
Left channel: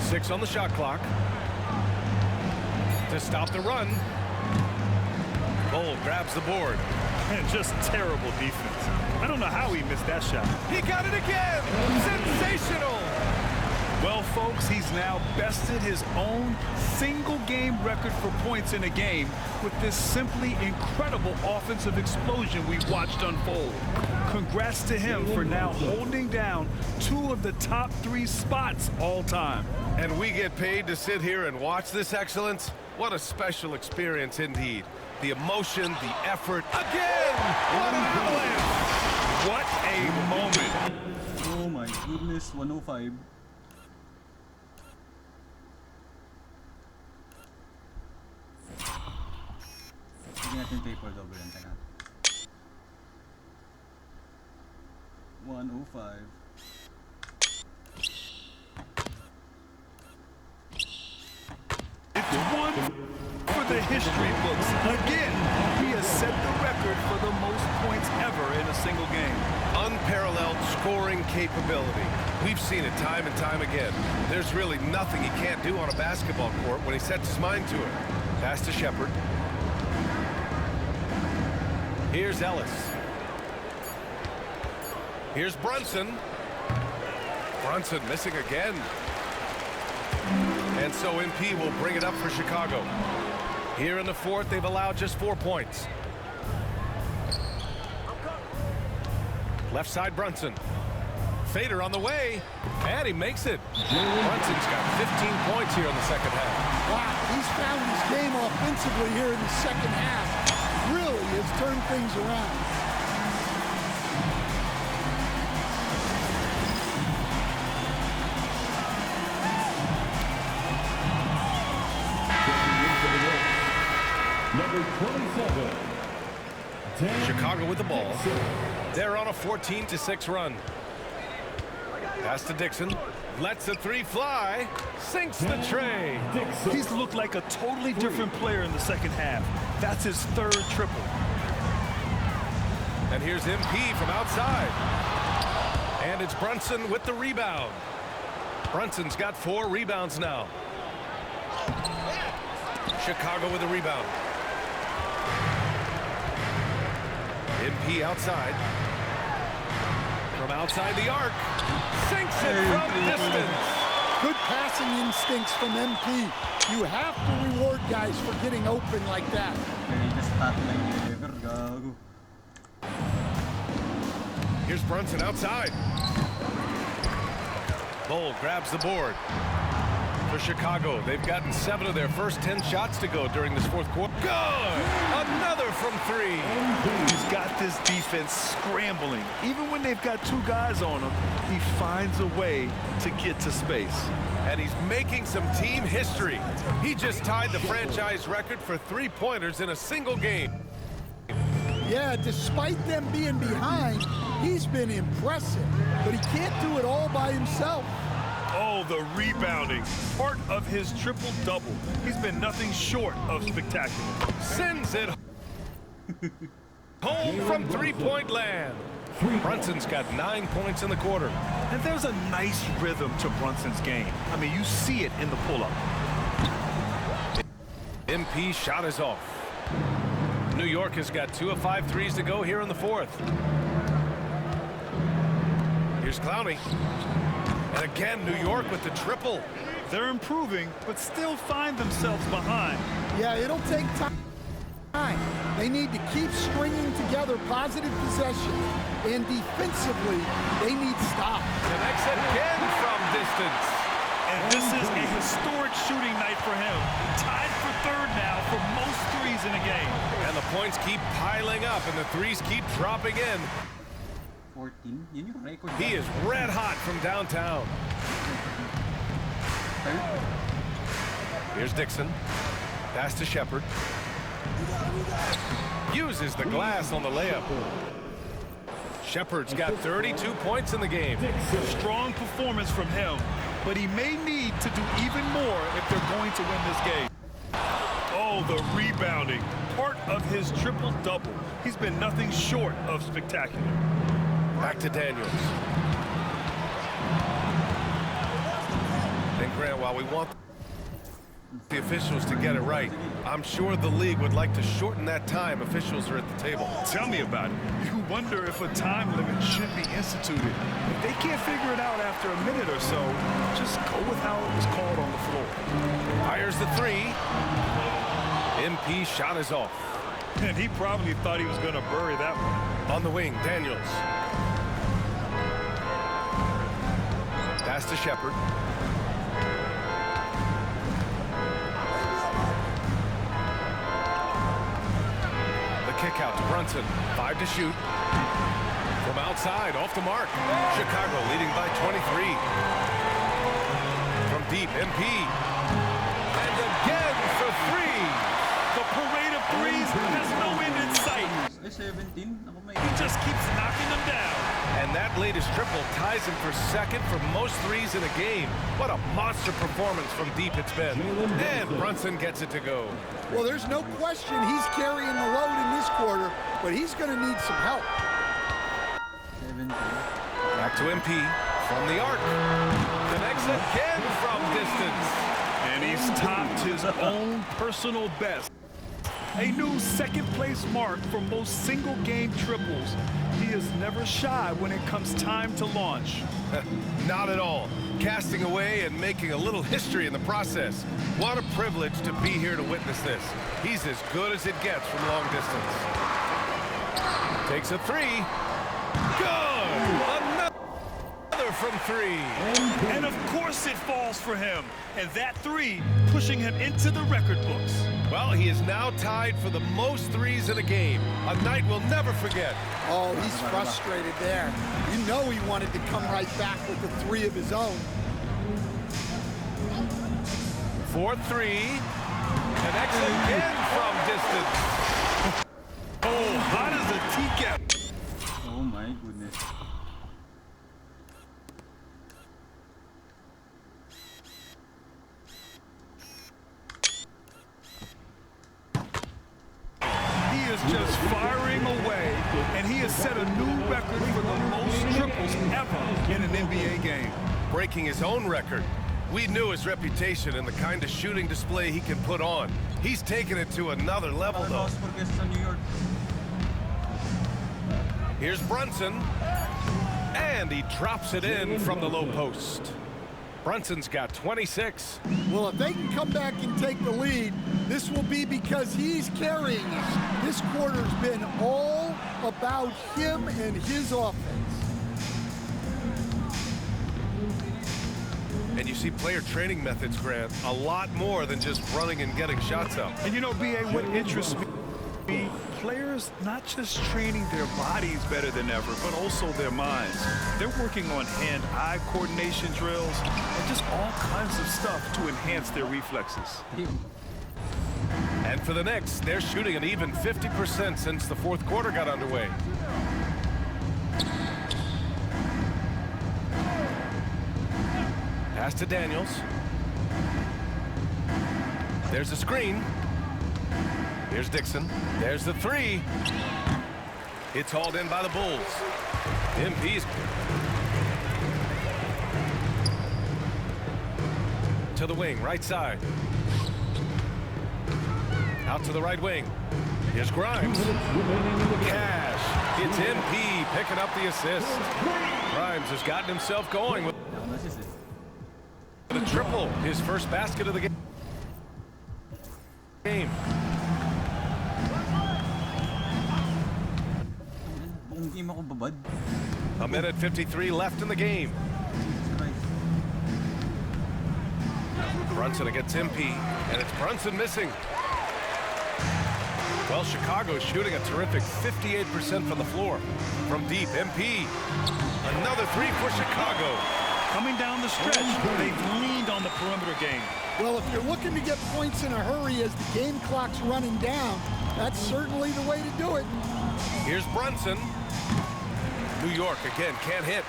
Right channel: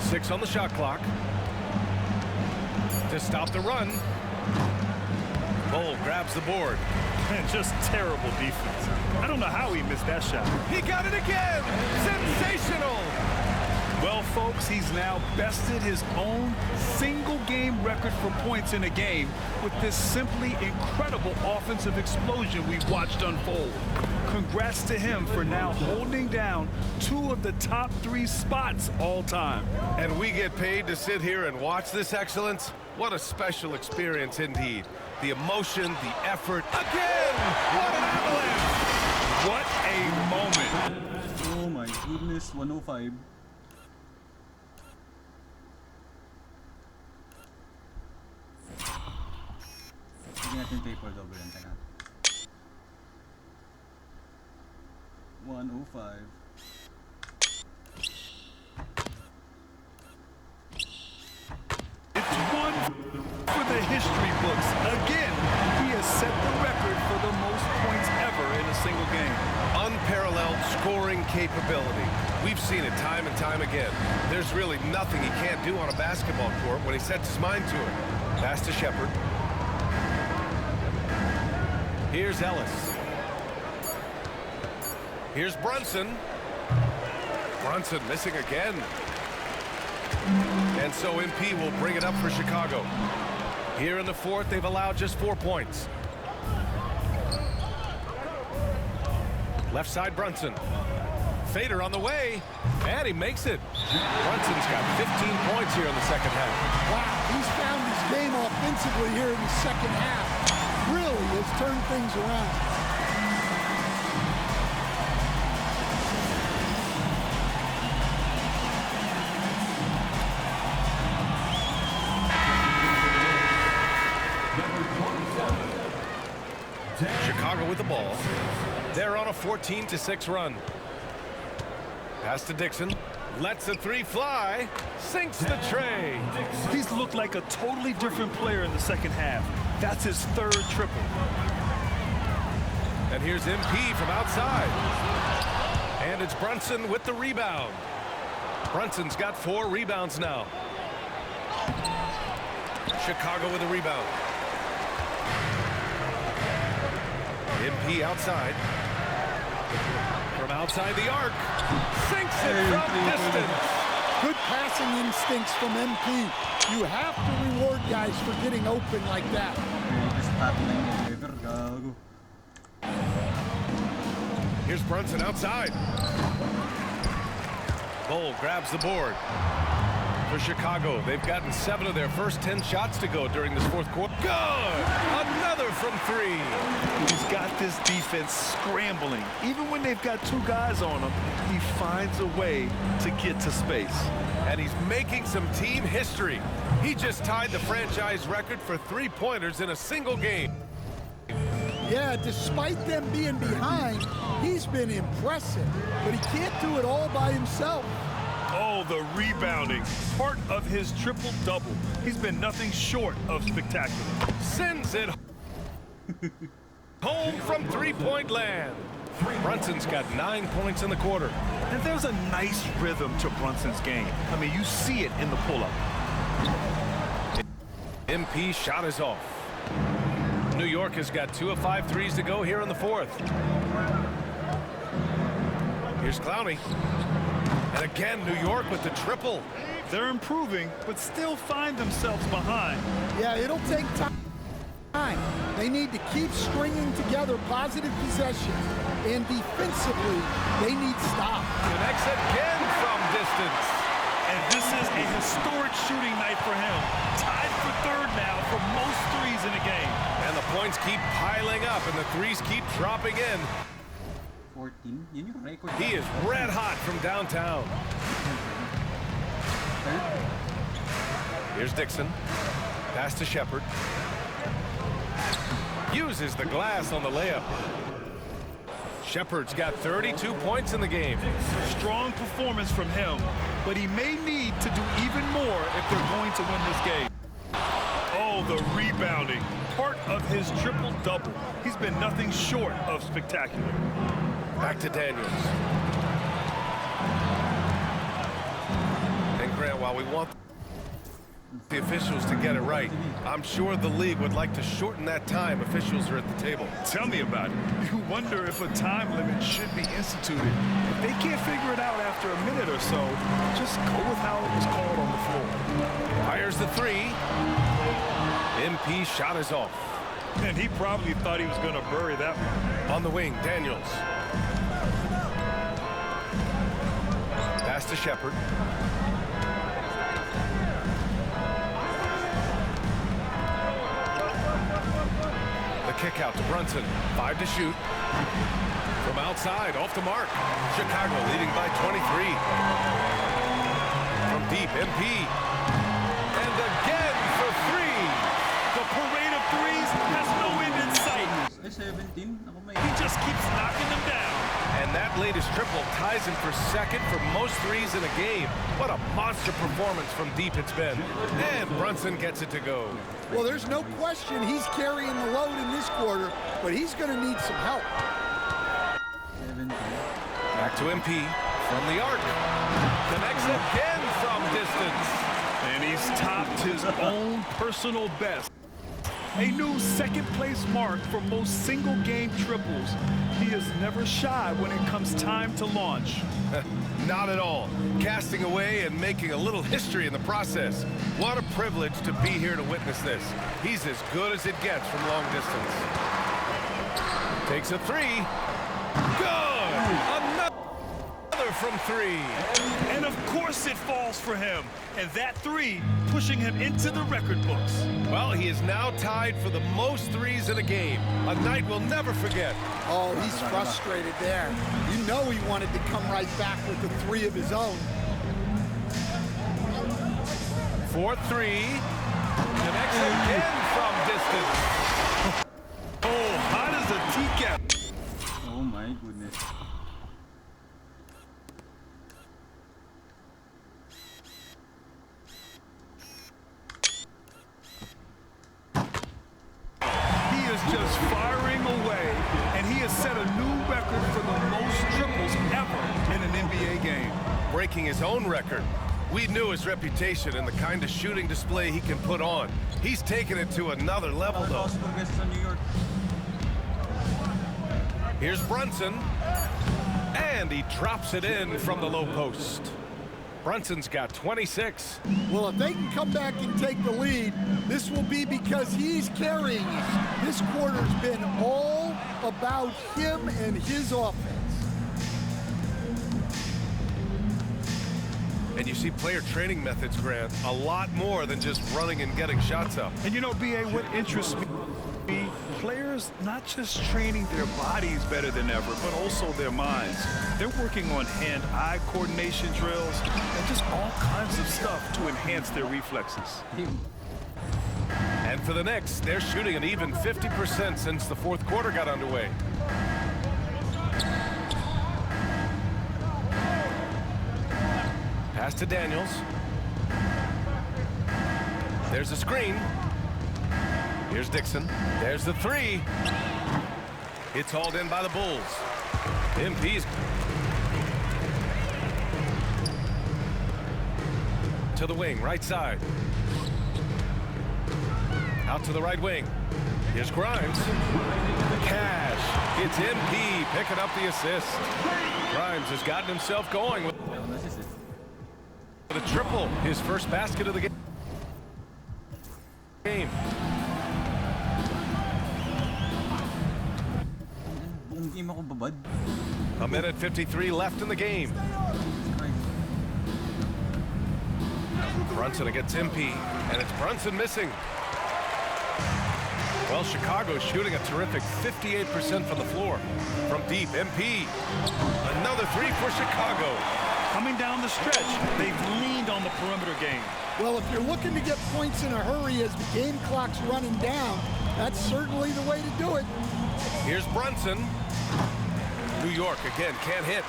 6 on the shot clock. To stop the run. Bull grabs the board. And just terrible defense. I don't know how he missed that shot. He got it again! Sensational! Well, folks, he's now bested his own single-game record for points in a game with this simply incredible offensive explosion we've watched unfold. Congrats to him for now holding down 2 of the top 3 spots all time. And we get paid to sit here and watch this excellence? What a special experience indeed. The emotion, the effort. Again! What an avalanche! What a moment. Oh my goodness, 105. Hindi natin paper double yan, teka. 105. It's 1 for the history books. Again, he has set the record for the most points ever in a single game. Unparalleled scoring capability. We've seen it time and time again. There's really nothing he can't do on a basketball court when he sets his mind to it. Pass to Shepard. Here's Ellis. Here's Brunson. Brunson missing again. And so MP will bring it up for Chicago. Here in the fourth, they've allowed just 4 points. Left side, Brunson. Fader on the way, and he makes it. Brunson's got 15 points here in the second half. Wow, he's found his game offensively here in the second half. really has turned things around. Number 27. Chicago with the ball. They're on a 14-6 run. Pass to Dixon. Lets the three fly. Sinks the tray. He's looked like a totally different player in the second half. That's his third triple. And here's MP from outside. And it's Brunson with the rebound. Brunson's got 4 rebounds now. Chicago with the rebound. MP outside. From outside the arc. Sinks it from distance. Good passing instincts from MP. You have to reward guys for getting open like that. Here's Brunson outside. Bull grabs the board. For Chicago, they've gotten 7 of their first 10 shots to go during this fourth quarter. Good! Another from 3. He's got this defense scrambling. Even when they've got 2 guys on him, he finds a way to get to space. And he's making some team history. He just tied the franchise record for 3-pointers in a single game. Yeah, despite them being behind, he's been impressive. But he can't do it all by himself. Oh, the rebounding. Part of his triple-double. He's been nothing short of spectacular. Sends it home from three-point land. Brunson's got 9 points in the quarter. And there's a nice rhythm to Brunson's game. I mean, you see it in the pull-up. MP shot is off. New York has got 2 of 5 threes to go here in the fourth. Here's Clowney. And again, New York with the triple. They're improving, but still find themselves behind. Yeah, it'll take time. They need to keep stringing together positive possessions. And defensively, they need stops. Connects again from distance. And this is a historic shooting night for him. Tied for 3rd now for most threes in a game. And the points keep piling up, and the threes keep dropping in. 14. Yun yung record. He is red hot from downtown. Here's Dixon. Pass to Shepard. Uses the glass on the layup. Shepard's got 32 points in the game. Strong performance from him, but he may need to do even more if they're going to win this game. Oh, the rebounding. Part of his triple-double. He's been nothing short of spectacular. Back to Daniels. And Grant, while we want the officials to get it right, I'm sure the league would like to shorten that time officials are at the table. Tell me about it. You wonder if a time limit should be instituted. If they can't figure it out after a minute or so, just go with how it was called on the floor. Fires the 3. MP shot is off. And he probably thought he was going to bury that one. On the wing, Daniels. Pass to Shepard. The kick out to Brunson. 5 to shoot. From outside, off the mark. Chicago leading by 23. From deep, MP. And again for 3. The parade of threes has no end in sight. 17. He just keeps knocking them down. And that latest triple ties him for 2nd for most threes in a game. What a monster performance from deep it's been. And Brunson gets it to go. Well, there's no question he's carrying the load in this quarter, but he's going to need some help. 17. Back to MP from the arc. Connects again from distance. And he's topped his own personal best. A new 2nd place mark for most single-game triples. He is never shy when it comes time to launch. Not at all. Casting away and making a little history in the process. What a privilege to be here to witness this. He's as good as it gets from long distance. Takes a 3. Good! Another from three. And of course it falls for him. And that three pushing him into the record books. Well, he is now tied for the most threes in a game. A night we'll never forget. Oh, he's frustrated there. You know he wanted to come right back with the three of his own. 4-3. Connects again from distance. Oh, hot as a teacup. Oh my goodness. He is just firing away, and he has set a new record for the most triples ever in an NBA game. Breaking his own record. We knew his reputation and the kind of shooting display he can put on. He's taken it to another level, though. Here's Brunson. And he drops it in from the low post. Brunson's got 26. Well, if they can come back and take the lead, this will be because he's carrying it. This quarter's been all about him and his offense. And you see player training methods, Grant, a lot more than just running and getting shots up. And you know, B.A., what interests me, players not just training their bodies better than ever, but also their minds. They're working on hand-eye coordination drills and just all kinds of stuff to enhance their reflexes. And for the Knicks, they're shooting an even 50% since the fourth quarter got underway. Pass to Daniels. There's a screen. Here's Dixon. There's the three. It's hauled in by the Bulls. MP's to the wing, right side. Out to the right wing. Here's Grimes. Cash. It's MP picking up the assist. Grimes has gotten himself going with the triple. His first basket of the game. A minute 53 left in the game. Brunson against MP, and it's Brunson missing. Well, Chicago's shooting a terrific 58% from the floor. From deep, MP. Another three for Chicago. Coming down the stretch, they've leaned on the perimeter game. Well, if you're looking to get points in a hurry as the game clock's running down, that's certainly the way to do it. Here's Brunson. New York again can't hit.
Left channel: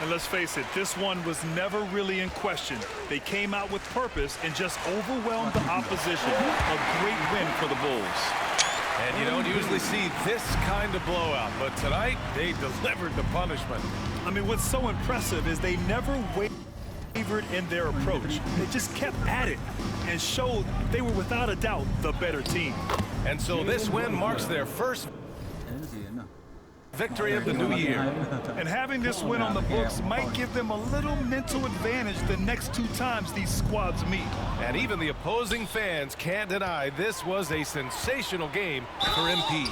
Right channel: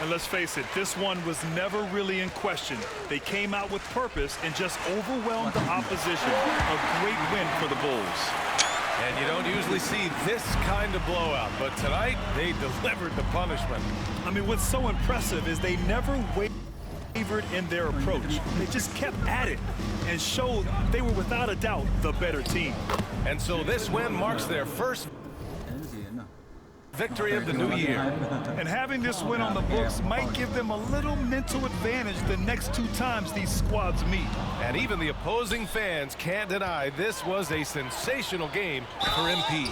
And let's face it, this one was never really in question. They came out with purpose and just overwhelmed the opposition. A great win for the Bulls. And you don't usually see this kind of blowout, but tonight they delivered the punishment. I mean, what's so impressive is they never wavered in their approach. They just kept at it and showed they were without a doubt the better team. And so this win marks their first victory of the new year. And having this win on the books might give them a little mental advantage the next two times these squads meet. And even the opposing fans can't deny this was a sensational game for MP.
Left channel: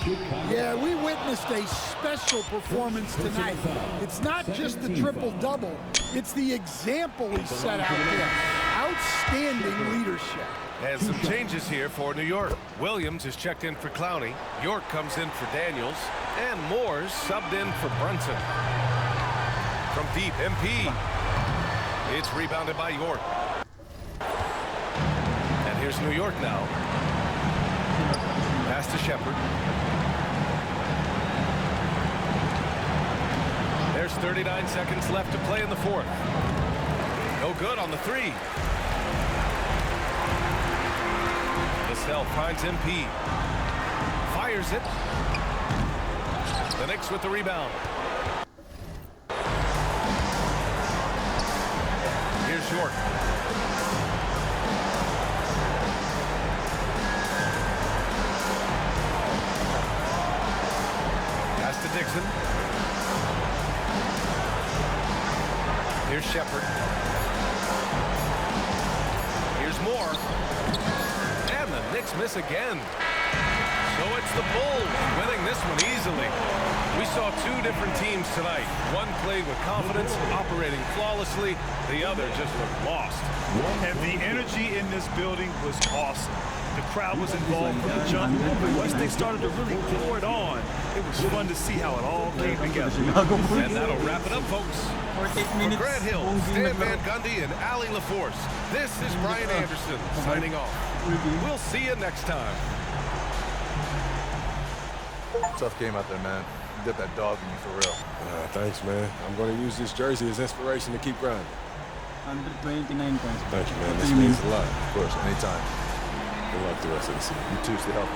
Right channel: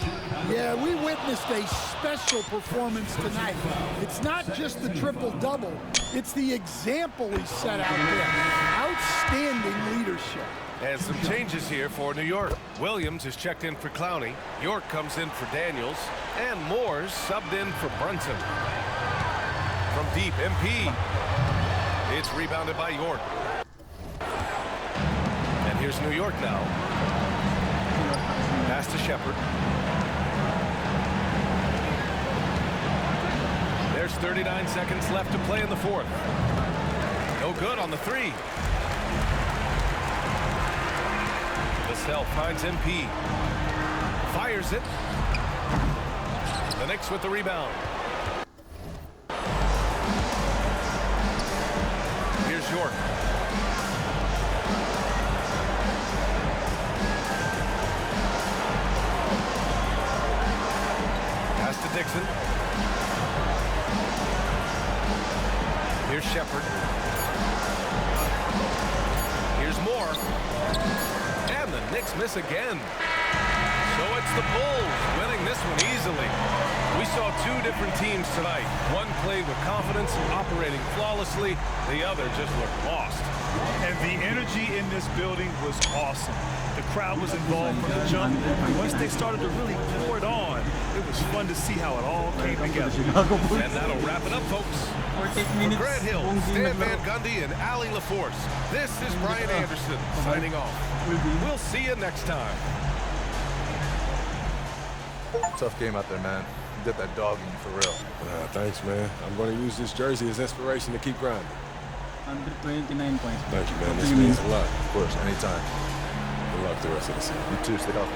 Yeah, we witnessed a special performance tonight. It's not just the triple-double, it's the example he set out there. Outstanding leadership. And some changes here for New York. Williams is checked in for Clowney. York comes in for Daniels. And Moore's subbed in for Brunson. From deep, MP. It's rebounded by York. And here's New York now. Pass to Shepard. There's 39 seconds left to play in the fourth. No good on the three. Vassell finds MP. Fires it. The Knicks with the rebound. Here's York. Pass to Dixon. Here's Shepard. Here's Moore. And the Knicks miss again. So it's the Bulls winning this one easily. We saw two different teams tonight. One played with confidence, operating flawlessly. The other just looked lost. And the energy in this building was awesome. The crowd was involved from the jump. Once they started to really pour it on, it was fun to see how it all came together. And that'll wrap it up, folks. For Grant Hill, Stan Van Gundy, and Allie LaForce, this is Brian Anderson signing off. We'll see you next time. Tough game out there, man. You got that dog in you for real. Thanks, man. I'm going to use this jersey as inspiration to keep grinding. 129 points. Thank you, man. This means a lot. Of course, anytime. Good luck the rest of the season. You too. Stay healthy.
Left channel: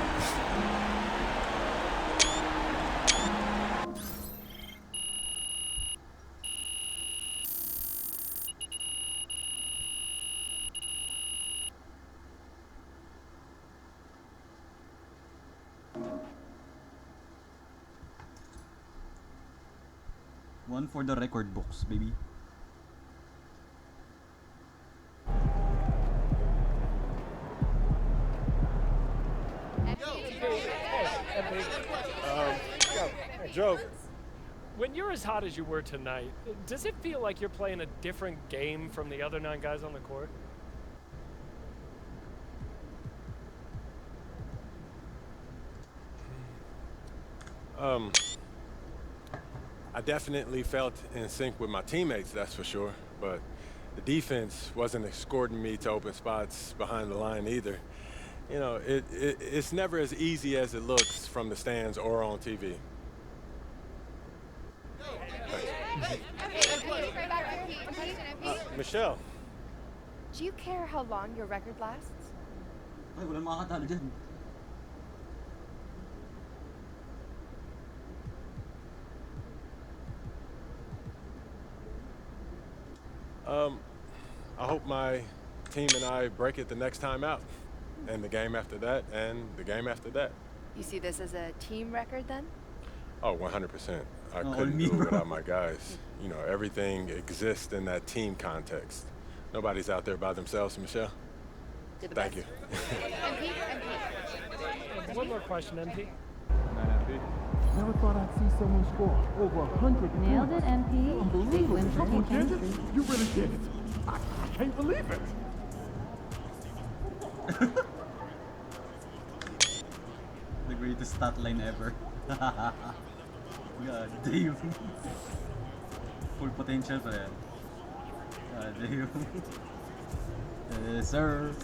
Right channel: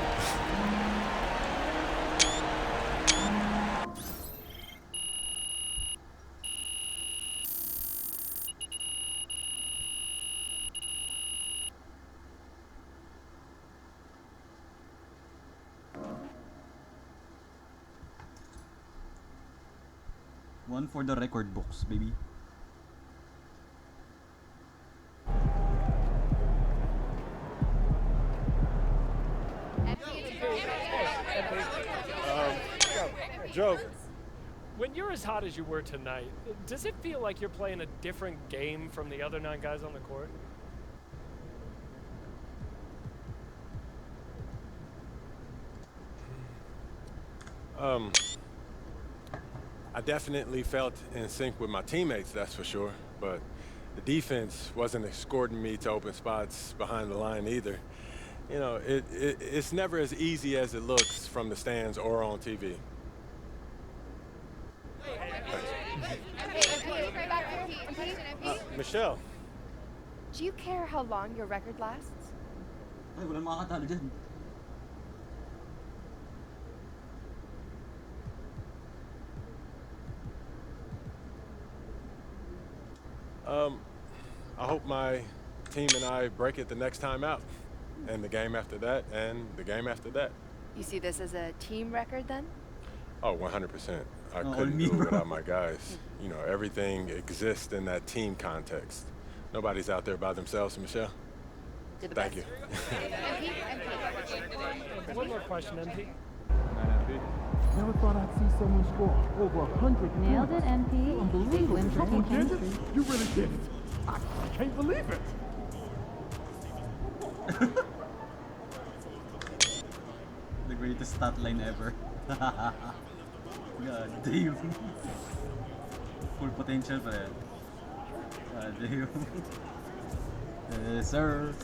One for the record books, baby. Joe, when you're as hot as you were tonight, does it feel like you're playing a different game from the other 9 guys on the court? I definitely felt in sync with my teammates, that's for sure. But the defense wasn't escorting me to open spots behind the line either. You know, it's never as easy as it looks from the stands or on TV. Michelle. Do you care how long your record lasts? Ay, walang makakatalo dyan. I hope my team and I break it the next time out. And the game after that, and the game after that. You see this as a team record then? Oh, 100%. I couldn't do it without my guys. You know, everything exists in that team context. Nobody's out there by themselves, Michelle. Thank you. One more question, MP. Never thought I'd see someone score over 100 Nailed it, MP. Unbelievable. Big win for Triple team digits? chemistry. You really did it. I can't believe it. The greatest stat line ever. God damn. Full potential pa yan. God damn. Yes, sir.